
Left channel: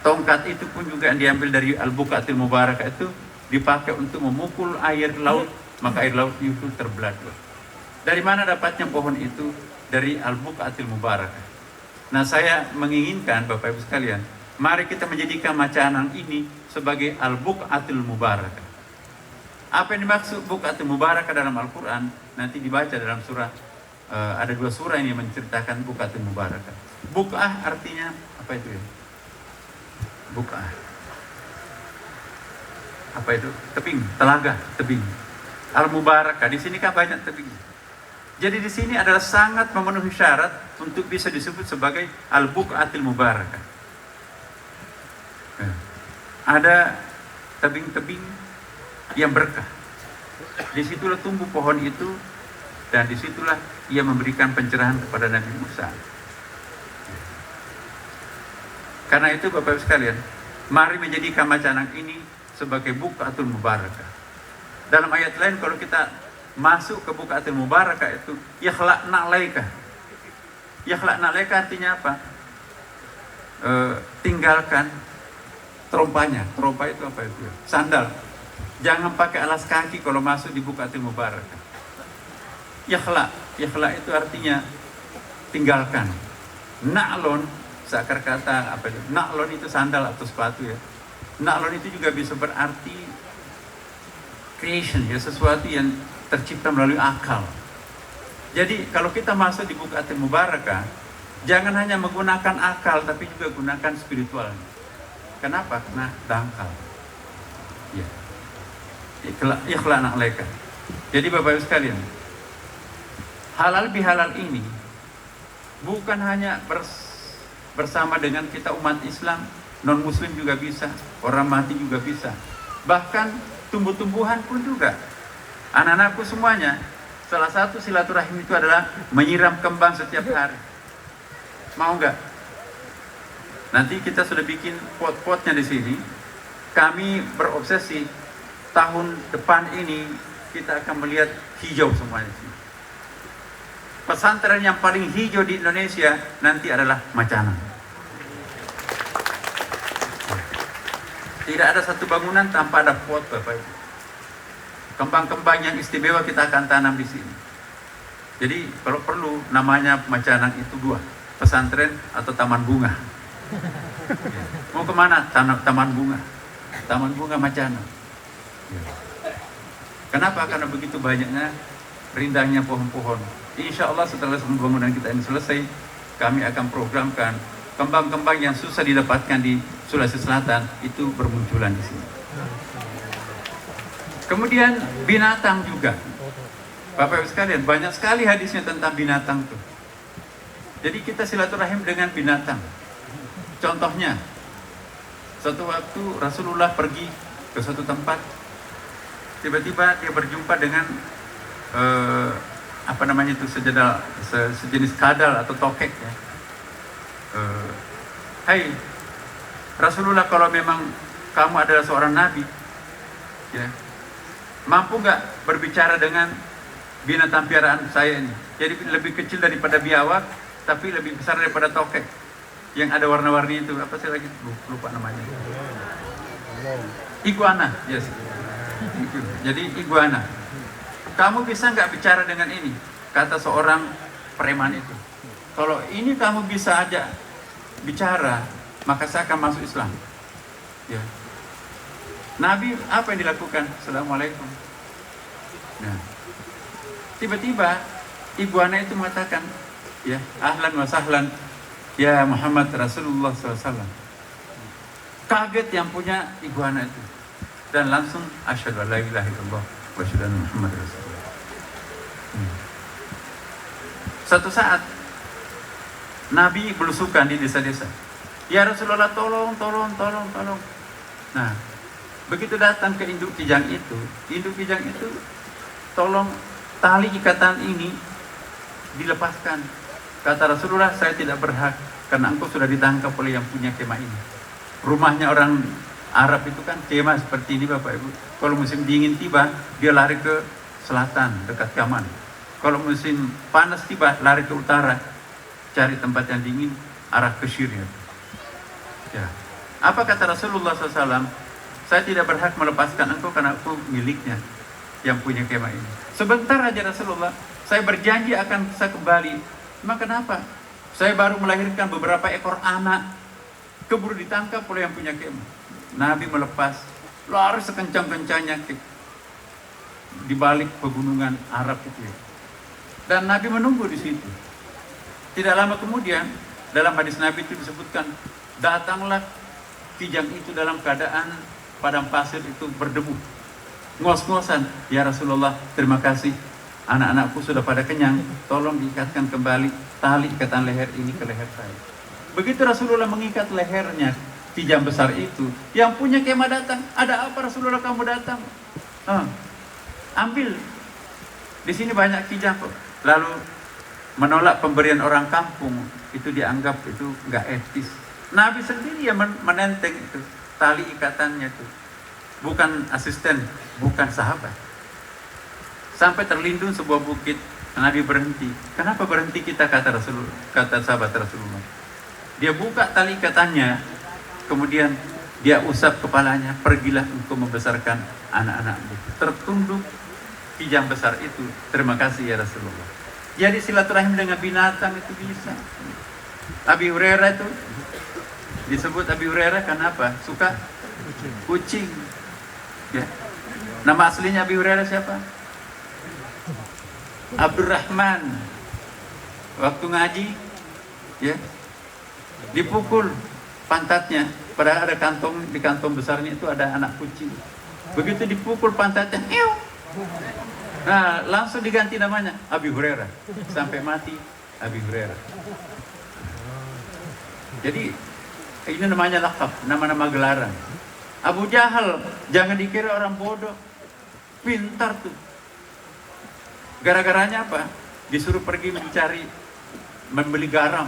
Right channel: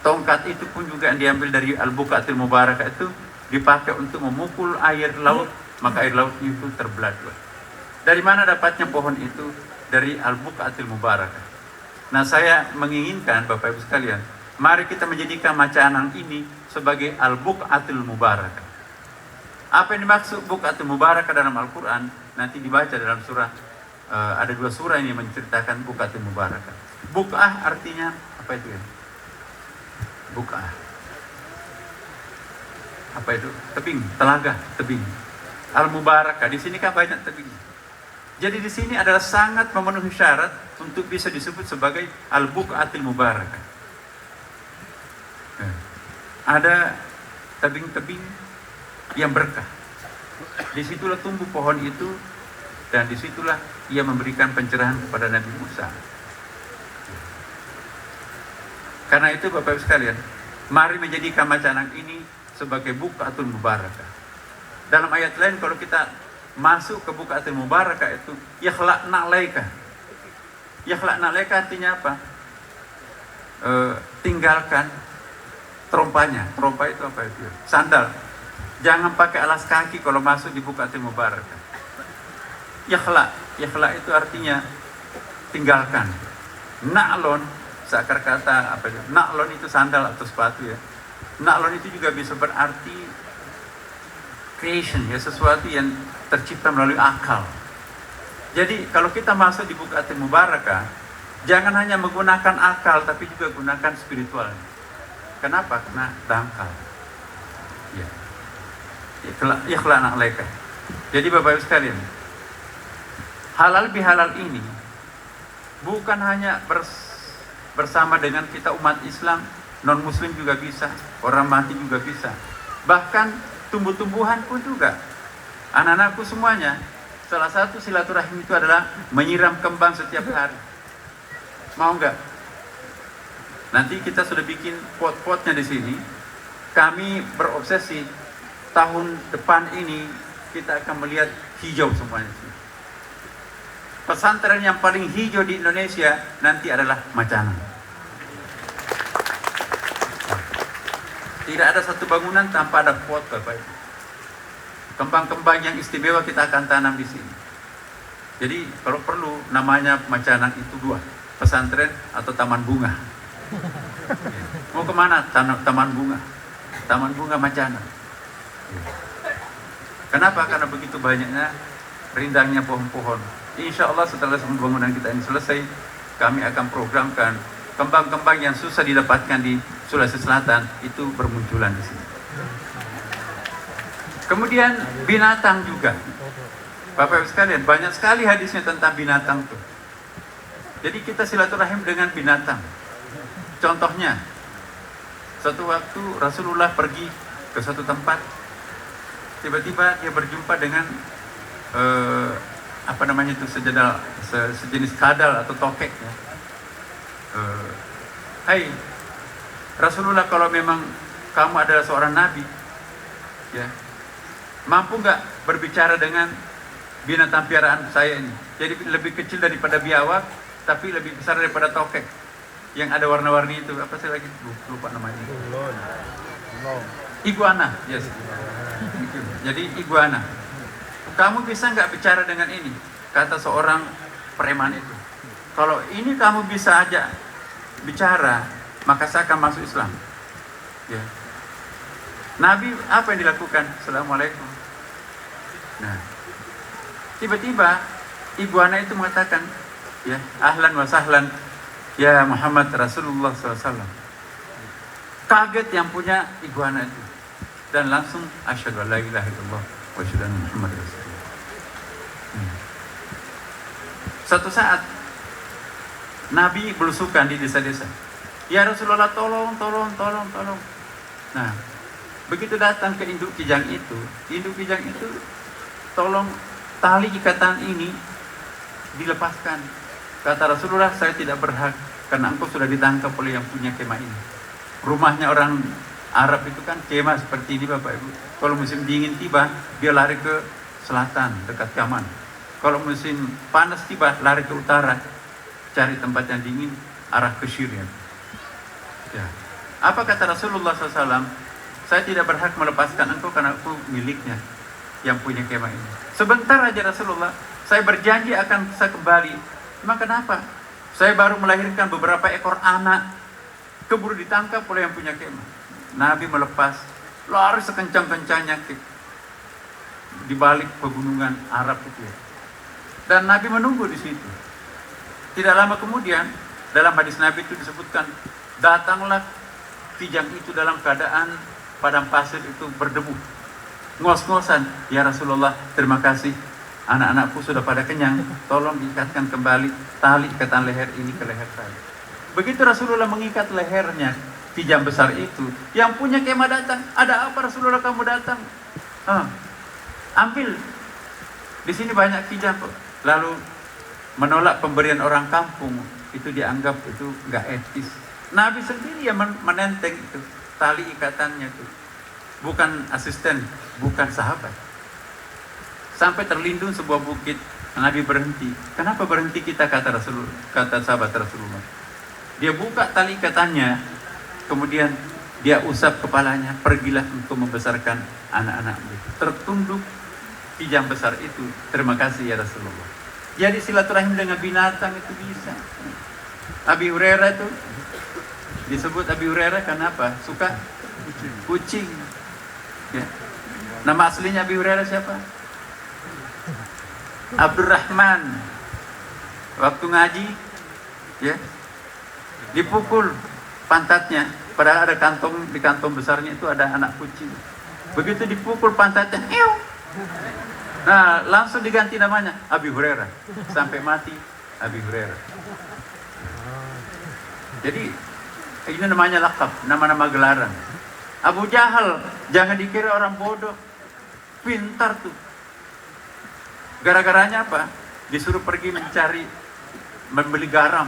Tongkat itu pun juga diambil dari Al-Buqatil Mubarakah, itu dipakai untuk memukul air laut, maka air lautnya itu terbelah dua. Dari mana dapatnya pohon itu? Dari Al-Buqatil Mubarakah. Nah, saya menginginkan Bapak Ibu sekalian, mari kita menjadikan Macanang ini sebagai Al-Buqatil Mubarakah. Apa yang dimaksud Buqatil Mubarakah dalam Al-Quran? Nanti dibaca dalam surah, ada 2 surah ini menceritakan Buqatil Mubarakah. Buq'ah artinya apa itu ya? Buq'ah. Apa itu? Tebing, telaga, tebing. Al-Mubarakah, di sini kan banyak tebing. Jadi di sini adalah sangat memenuhi syarat untuk bisa disebut sebagai Al-Buqatil Mubarakah. Ada tebing-tebing yang berkah. Disitulah tumbuh pohon itu, dan disitulah ia memberikan pencerahan kepada Nabi Musa. Karena itu Bapak Ibu sekalian, mari menjadikan Macanang ini sebagai Buqatul Mubarakah. Dalam ayat lain kalau kita masuk ke Buqatul Mubarakah itu yakhla'na alaika. Yakhla'na alaika artinya apa? Tinggalkan trompanya. Trompa itu apa itu? Sandal. Jangan pakai alas kaki kalau masuk di Buqatul Mubarakah. Yakhla itu artinya tinggalkan. Na'lon, seakar kata apa itu? Na'lon itu sandal atau sepatu ya. Na'lon itu juga bisa berarti creation ya, sesuatu yang tercipta melalui akal. Jadi kalau kita masuk di Buqatul Mubarakah, jangan hanya menggunakan akal tapi juga gunakan spiritual. Kenapa? Karena dangkal. Ya. Ikhla'na alaika. Jadi Bapak Ibu sekalian, halal bihalal ini bukan hanya bersama dengan kita umat Islam, non muslim juga bisa, orang mati juga bisa. Bahkan tumbuh-tumbuhan pun juga. Anak-anakku semuanya, salah satu silaturahim itu adalah menyiram kembang setiap hari. Mau nggak? Nanti kita sudah bikin pot-potnya di sini. Kami berobsesi tahun depan ini kita akan melihat hijau semuanya. Pesantren yang paling hijau di Indonesia nanti adalah Macanang. Tidak ada satu bangunan tanpa ada pot, Bapak Ibu. Kembang-kembang yang istimewa kita akan tanam di sini. Jadi kalau perlu namanya Macanang itu 2, pesantren atau taman bunga. Mau kemana? Taman bunga. Taman bunga Macanang. Kenapa? Karena begitu banyaknya rindangnya pohon-pohon. Insya Allah setelah pembangunan kita ini selesai, kami akan programkan kembang-kembang yang susah didapatkan di Sulawesi Selatan itu bermunculan di sini. Kemudian binatang juga. Bapak Ibu sekalian, banyak sekali hadisnya tentang binatang tuh. Jadi kita silaturahim dengan binatang. Contohnya, suatu waktu Rasulullah pergi ke suatu tempat, tiba-tiba dia berjumpa dengan apa namanya itu, sejenis kadal atau tokek ya. Hai Rasulullah, kalau memang kamu adalah seorang nabi ya, mampu nggak berbicara dengan binatang piaraan saya ini? Jadi lebih kecil daripada biawak tapi lebih besar daripada tokek yang ada warna-warni itu, apa sih lagi lupa namanya, iguana. Yes. Jadi iguana, kamu bisa nggak bicara dengan ini? Kata seorang preman itu, kalau ini kamu bisa aja bicara, maka saya akan masuk Islam ya. Nabi apa yang dilakukan? Assalamualaikum. Nah, tiba-tiba iguana itu mengatakan ya, ahlan wa sahlan ya Muhammad Rasulullah SAW. Kaget yang punya iguana itu, dan langsung asyhadu an la ilaha illallah wa asyhadu anna Muhammad Rasulullah. Suatu saat Nabi belusukan di desa-desa. Ya Rasulullah, tolong. Nah, begitu datang ke induk kijang itu, tolong tali ikatan ini dilepaskan. Kata Rasulullah, saya tidak berhak karena engkau sudah ditangkap oleh yang punya kemah ini. Rumahnya orang Arab itu kan kemah seperti ini Bapak Ibu. Kalau musim dingin tiba, dia lari ke selatan dekat Yaman. Kalau musim panas tiba, lari ke utara, cari tempat yang dingin, arah ke Syria. Ya. Apa kata Rasulullah SAW? Saya tidak berhak melepaskan engkau karena aku miliknya yang punya kemah ini. Sebentar aja Rasulullah, saya berjanji akan bisa kembali. Emang kenapa? Saya baru melahirkan beberapa ekor anak, keburu ditangkap oleh yang punya kemah. Nabi melepas, lari sekencang-kencangnya di balik pegunungan Arab itu ya. Dan Nabi menunggu di situ. Tidak lama kemudian, dalam hadis Nabi itu disebutkan, datanglah kijang itu dalam keadaan padang pasir itu berdebu, ngos-ngosan. Ya Rasulullah, terima kasih, anak-anakku sudah pada kenyang, tolong diikatkan kembali tali ikatan leher ini ke leher saya. Begitu Rasulullah mengikat lehernya kijang besar itu, yang punya kemah datang. Ada apa Rasulullah kamu datang? Ambil, di sini banyak kijang kok. Lalu menolak pemberian orang kampung, itu dianggap itu nggak etis. Nabi sendiri yang menenteng itu tali ikatannya itu, bukan asisten, bukan sahabat. Sampai terlindung sebuah bukit, Nabi berhenti. Kenapa berhenti kita, kata Rasulullah, kata sahabat Rasulullah. Dia buka tali ikatannya, kemudian dia usap kepalanya, pergilah untuk membesarkan anak-anakmu. Tertunduk kijang besar itu, terima kasih ya Rasulullah. Jadi silaturahim dengan binatang itu bisa. Abi Hurairah itu disebut Abi Hurairah kenapa? Suka kucing. Ya. Nama aslinya Abi Hurairah siapa? Abdurrahman. Waktu ngaji, ya, dipukul pantatnya. Padahal ada kantong, di kantong besarnya itu ada anak kucing. Begitu dipukul pantatnya, nah langsung diganti namanya Abi Hurairah. Sampai mati Abi Hurairah. Jadi ini namanya lakab, nama-nama gelaran. Abu Jahal, jangan dikira orang bodoh, pintar tuh. Gara-garanya apa? Disuruh pergi mencari, membeli garam.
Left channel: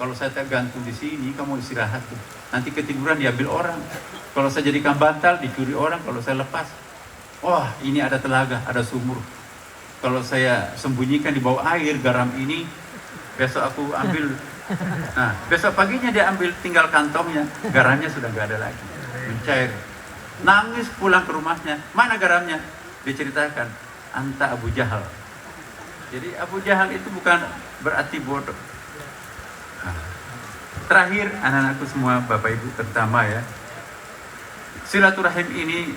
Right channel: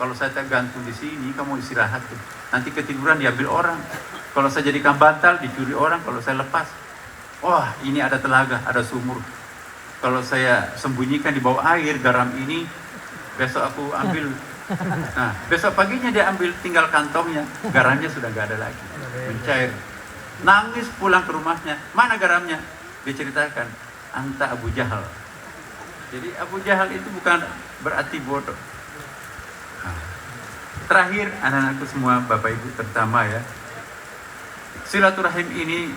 Kalau saya gantung di sini, kamu istirahat tuh. Nanti ketiduran diambil orang. Kalau saya jadikan bantal, dicuri orang. Kalau saya lepas, wah ini ada telaga, ada sumur. Kalau saya sembunyikan di bawah air garam ini, besok aku ambil. Nah, besok paginya dia ambil, tinggal kantongnya, garamnya sudah gak ada lagi, mencair. Nangis pulang ke rumahnya, mana garamnya? Diceritakan, anta Abu Jahal. Jadi Abu Jahal itu bukan berarti bodoh. Nah, terakhir, anak-anakku semua, Bapak Ibu terutama ya, silaturahim ini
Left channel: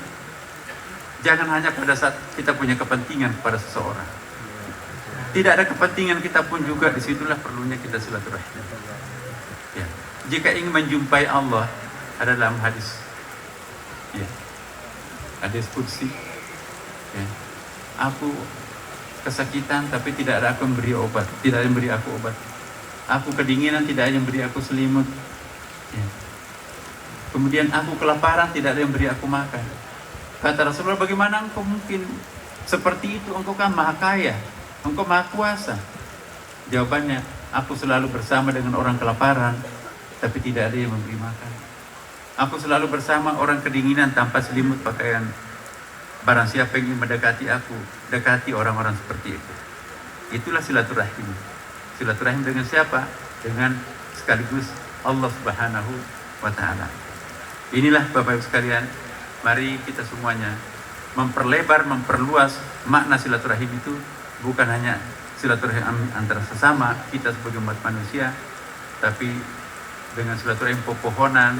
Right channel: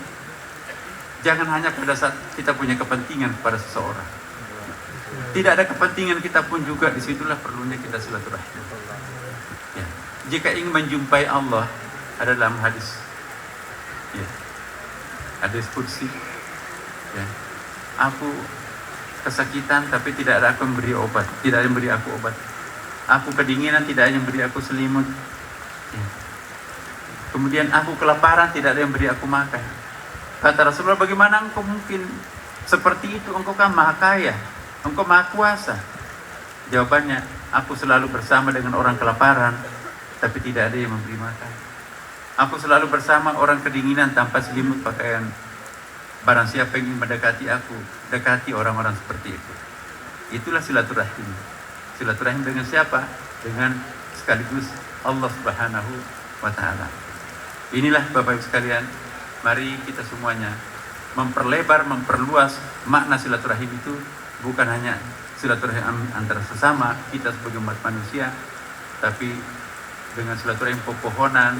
jangan hanya pada saat kita punya kepentingan kepada seseorang. Tidak ada kepentingan kita pun juga, disitulah perlunya kita silaturahim. Ya. Jika ingin menjumpai Allah, ada dalam hadis, ya, hadis qudsi, ya, aku kesakitan tapi tidak ada aku memberi obat, tidak ada yang memberi aku obat. Aku kedinginan, tidak ada yang memberi aku selimut. Ya. Kemudian aku kelaparan, tidak ada yang memberi aku makan. Kata Rasulullah, bagaimana engkau mungkin seperti itu? Engkau kan maha kaya, engkau maha kuasa. Jawabannya, aku selalu bersama dengan orang kelaparan, tapi tidak ada yang memberi makan. Aku selalu bersama orang kedinginan tanpa selimut pakaian. Barang siapa yang ingin mendekati aku, dekati orang-orang seperti itu. Itulah silaturahim. Silaturahim dengan siapa? Dengan sekaligus Allah Subhanahu wa Ta'ala. Inilah Bapak Ibu sekalian, mari kita semuanya memperlebar, memperluas makna silaturahim itu. Bukan hanya silaturahim antara sesama kita sebagai umat manusia, tapi dengan silaturahim pepohonan,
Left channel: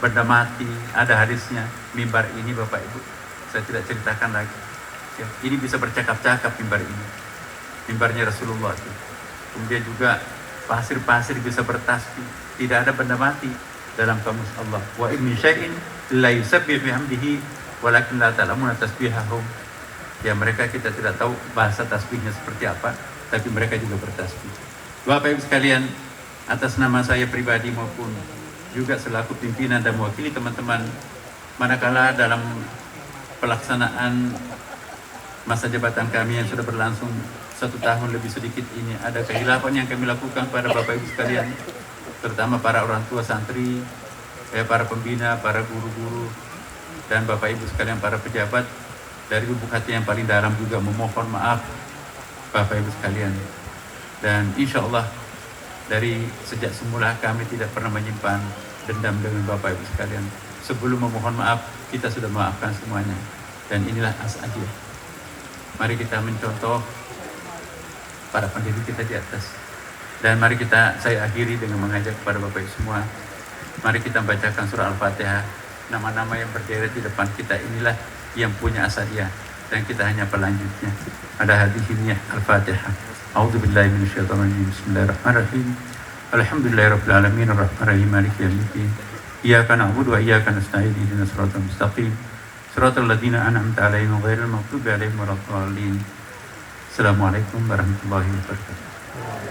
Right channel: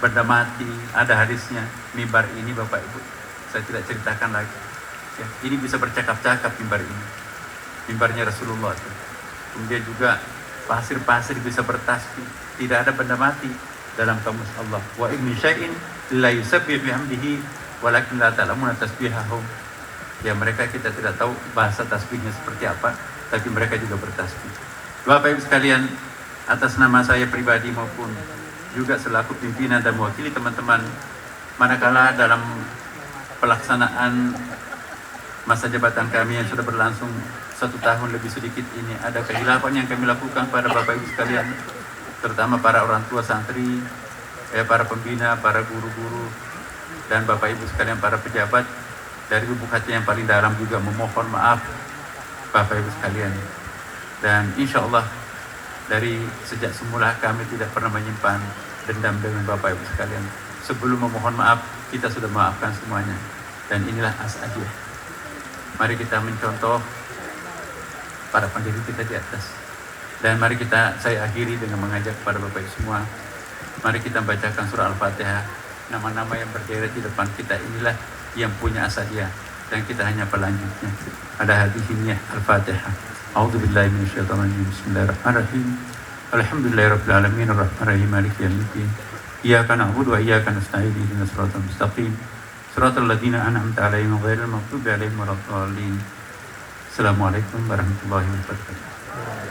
benda mati. Ada hadisnya, mimbar ini Bapak Ibu, saya tidak ceritakan lagi. Ya, ini bisa bercakap-cakap mimbar ini. Mimbarnya Rasulullah itu. Kemudian juga pasir-pasir bisa bertasbih. Tidak ada benda mati dalam kamus Allah. Wa in min syai'in la yusabbihu bihamdihi walakin la ta'lamuna tasbihahum. Ya, mereka kita tidak tahu bahasa tasbihnya seperti apa, tapi mereka juga bertasbih. Bapak Ibu sekalian, atas nama saya pribadi maupun juga selaku pimpinan dan mewakili teman-teman, manakala dalam pelaksanaan masa jabatan kami yang sudah berlangsung 1 tahun lebih sedikit ini, ada kehilapan yang kami lakukan pada Bapak Ibu sekalian, terutama para orang tua santri, para pembina, para guru-guru, dan Bapak Ibu sekalian para pejabat. Dari lubuk hati yang paling dalam juga memohon maaf Bapak Ibu sekalian. Dan insya Allah dari sejak semula kami tidak pernah menyimpan dendam dengan Bapak Ibu sekalian. Sebelum memohon maaf, kita sudah memaafkan semuanya. Dan inilah As'adiyah. Mari kita mencontoh para pendiri kita di atas. Dan mari saya akhiri dengan mengajak kepada Bapak Ibu semua. Mari kita bacakan surah Al-Fatihah. Nama-nama yang berderet di depan kita inilah yang punya As'adiyah. Dan kita hanya pelanjutnya. Ada hadisnya Al-Fatihah. A'udzubillahi minasyaitonirrajim. Bismillahirrahmanirrahim. Alhamdulillahirabbil alamin arrahmanir rahim maliki yaumiddin. Iyyaka na'budu wa iyyaka nasta'in ihdinas siratal mustaqim. Siratal ladzina an'amta 'alaihim ghairil maghdubi 'alaihim waladdallin. Assalamualaikum warahmatullahi wabarakatuh.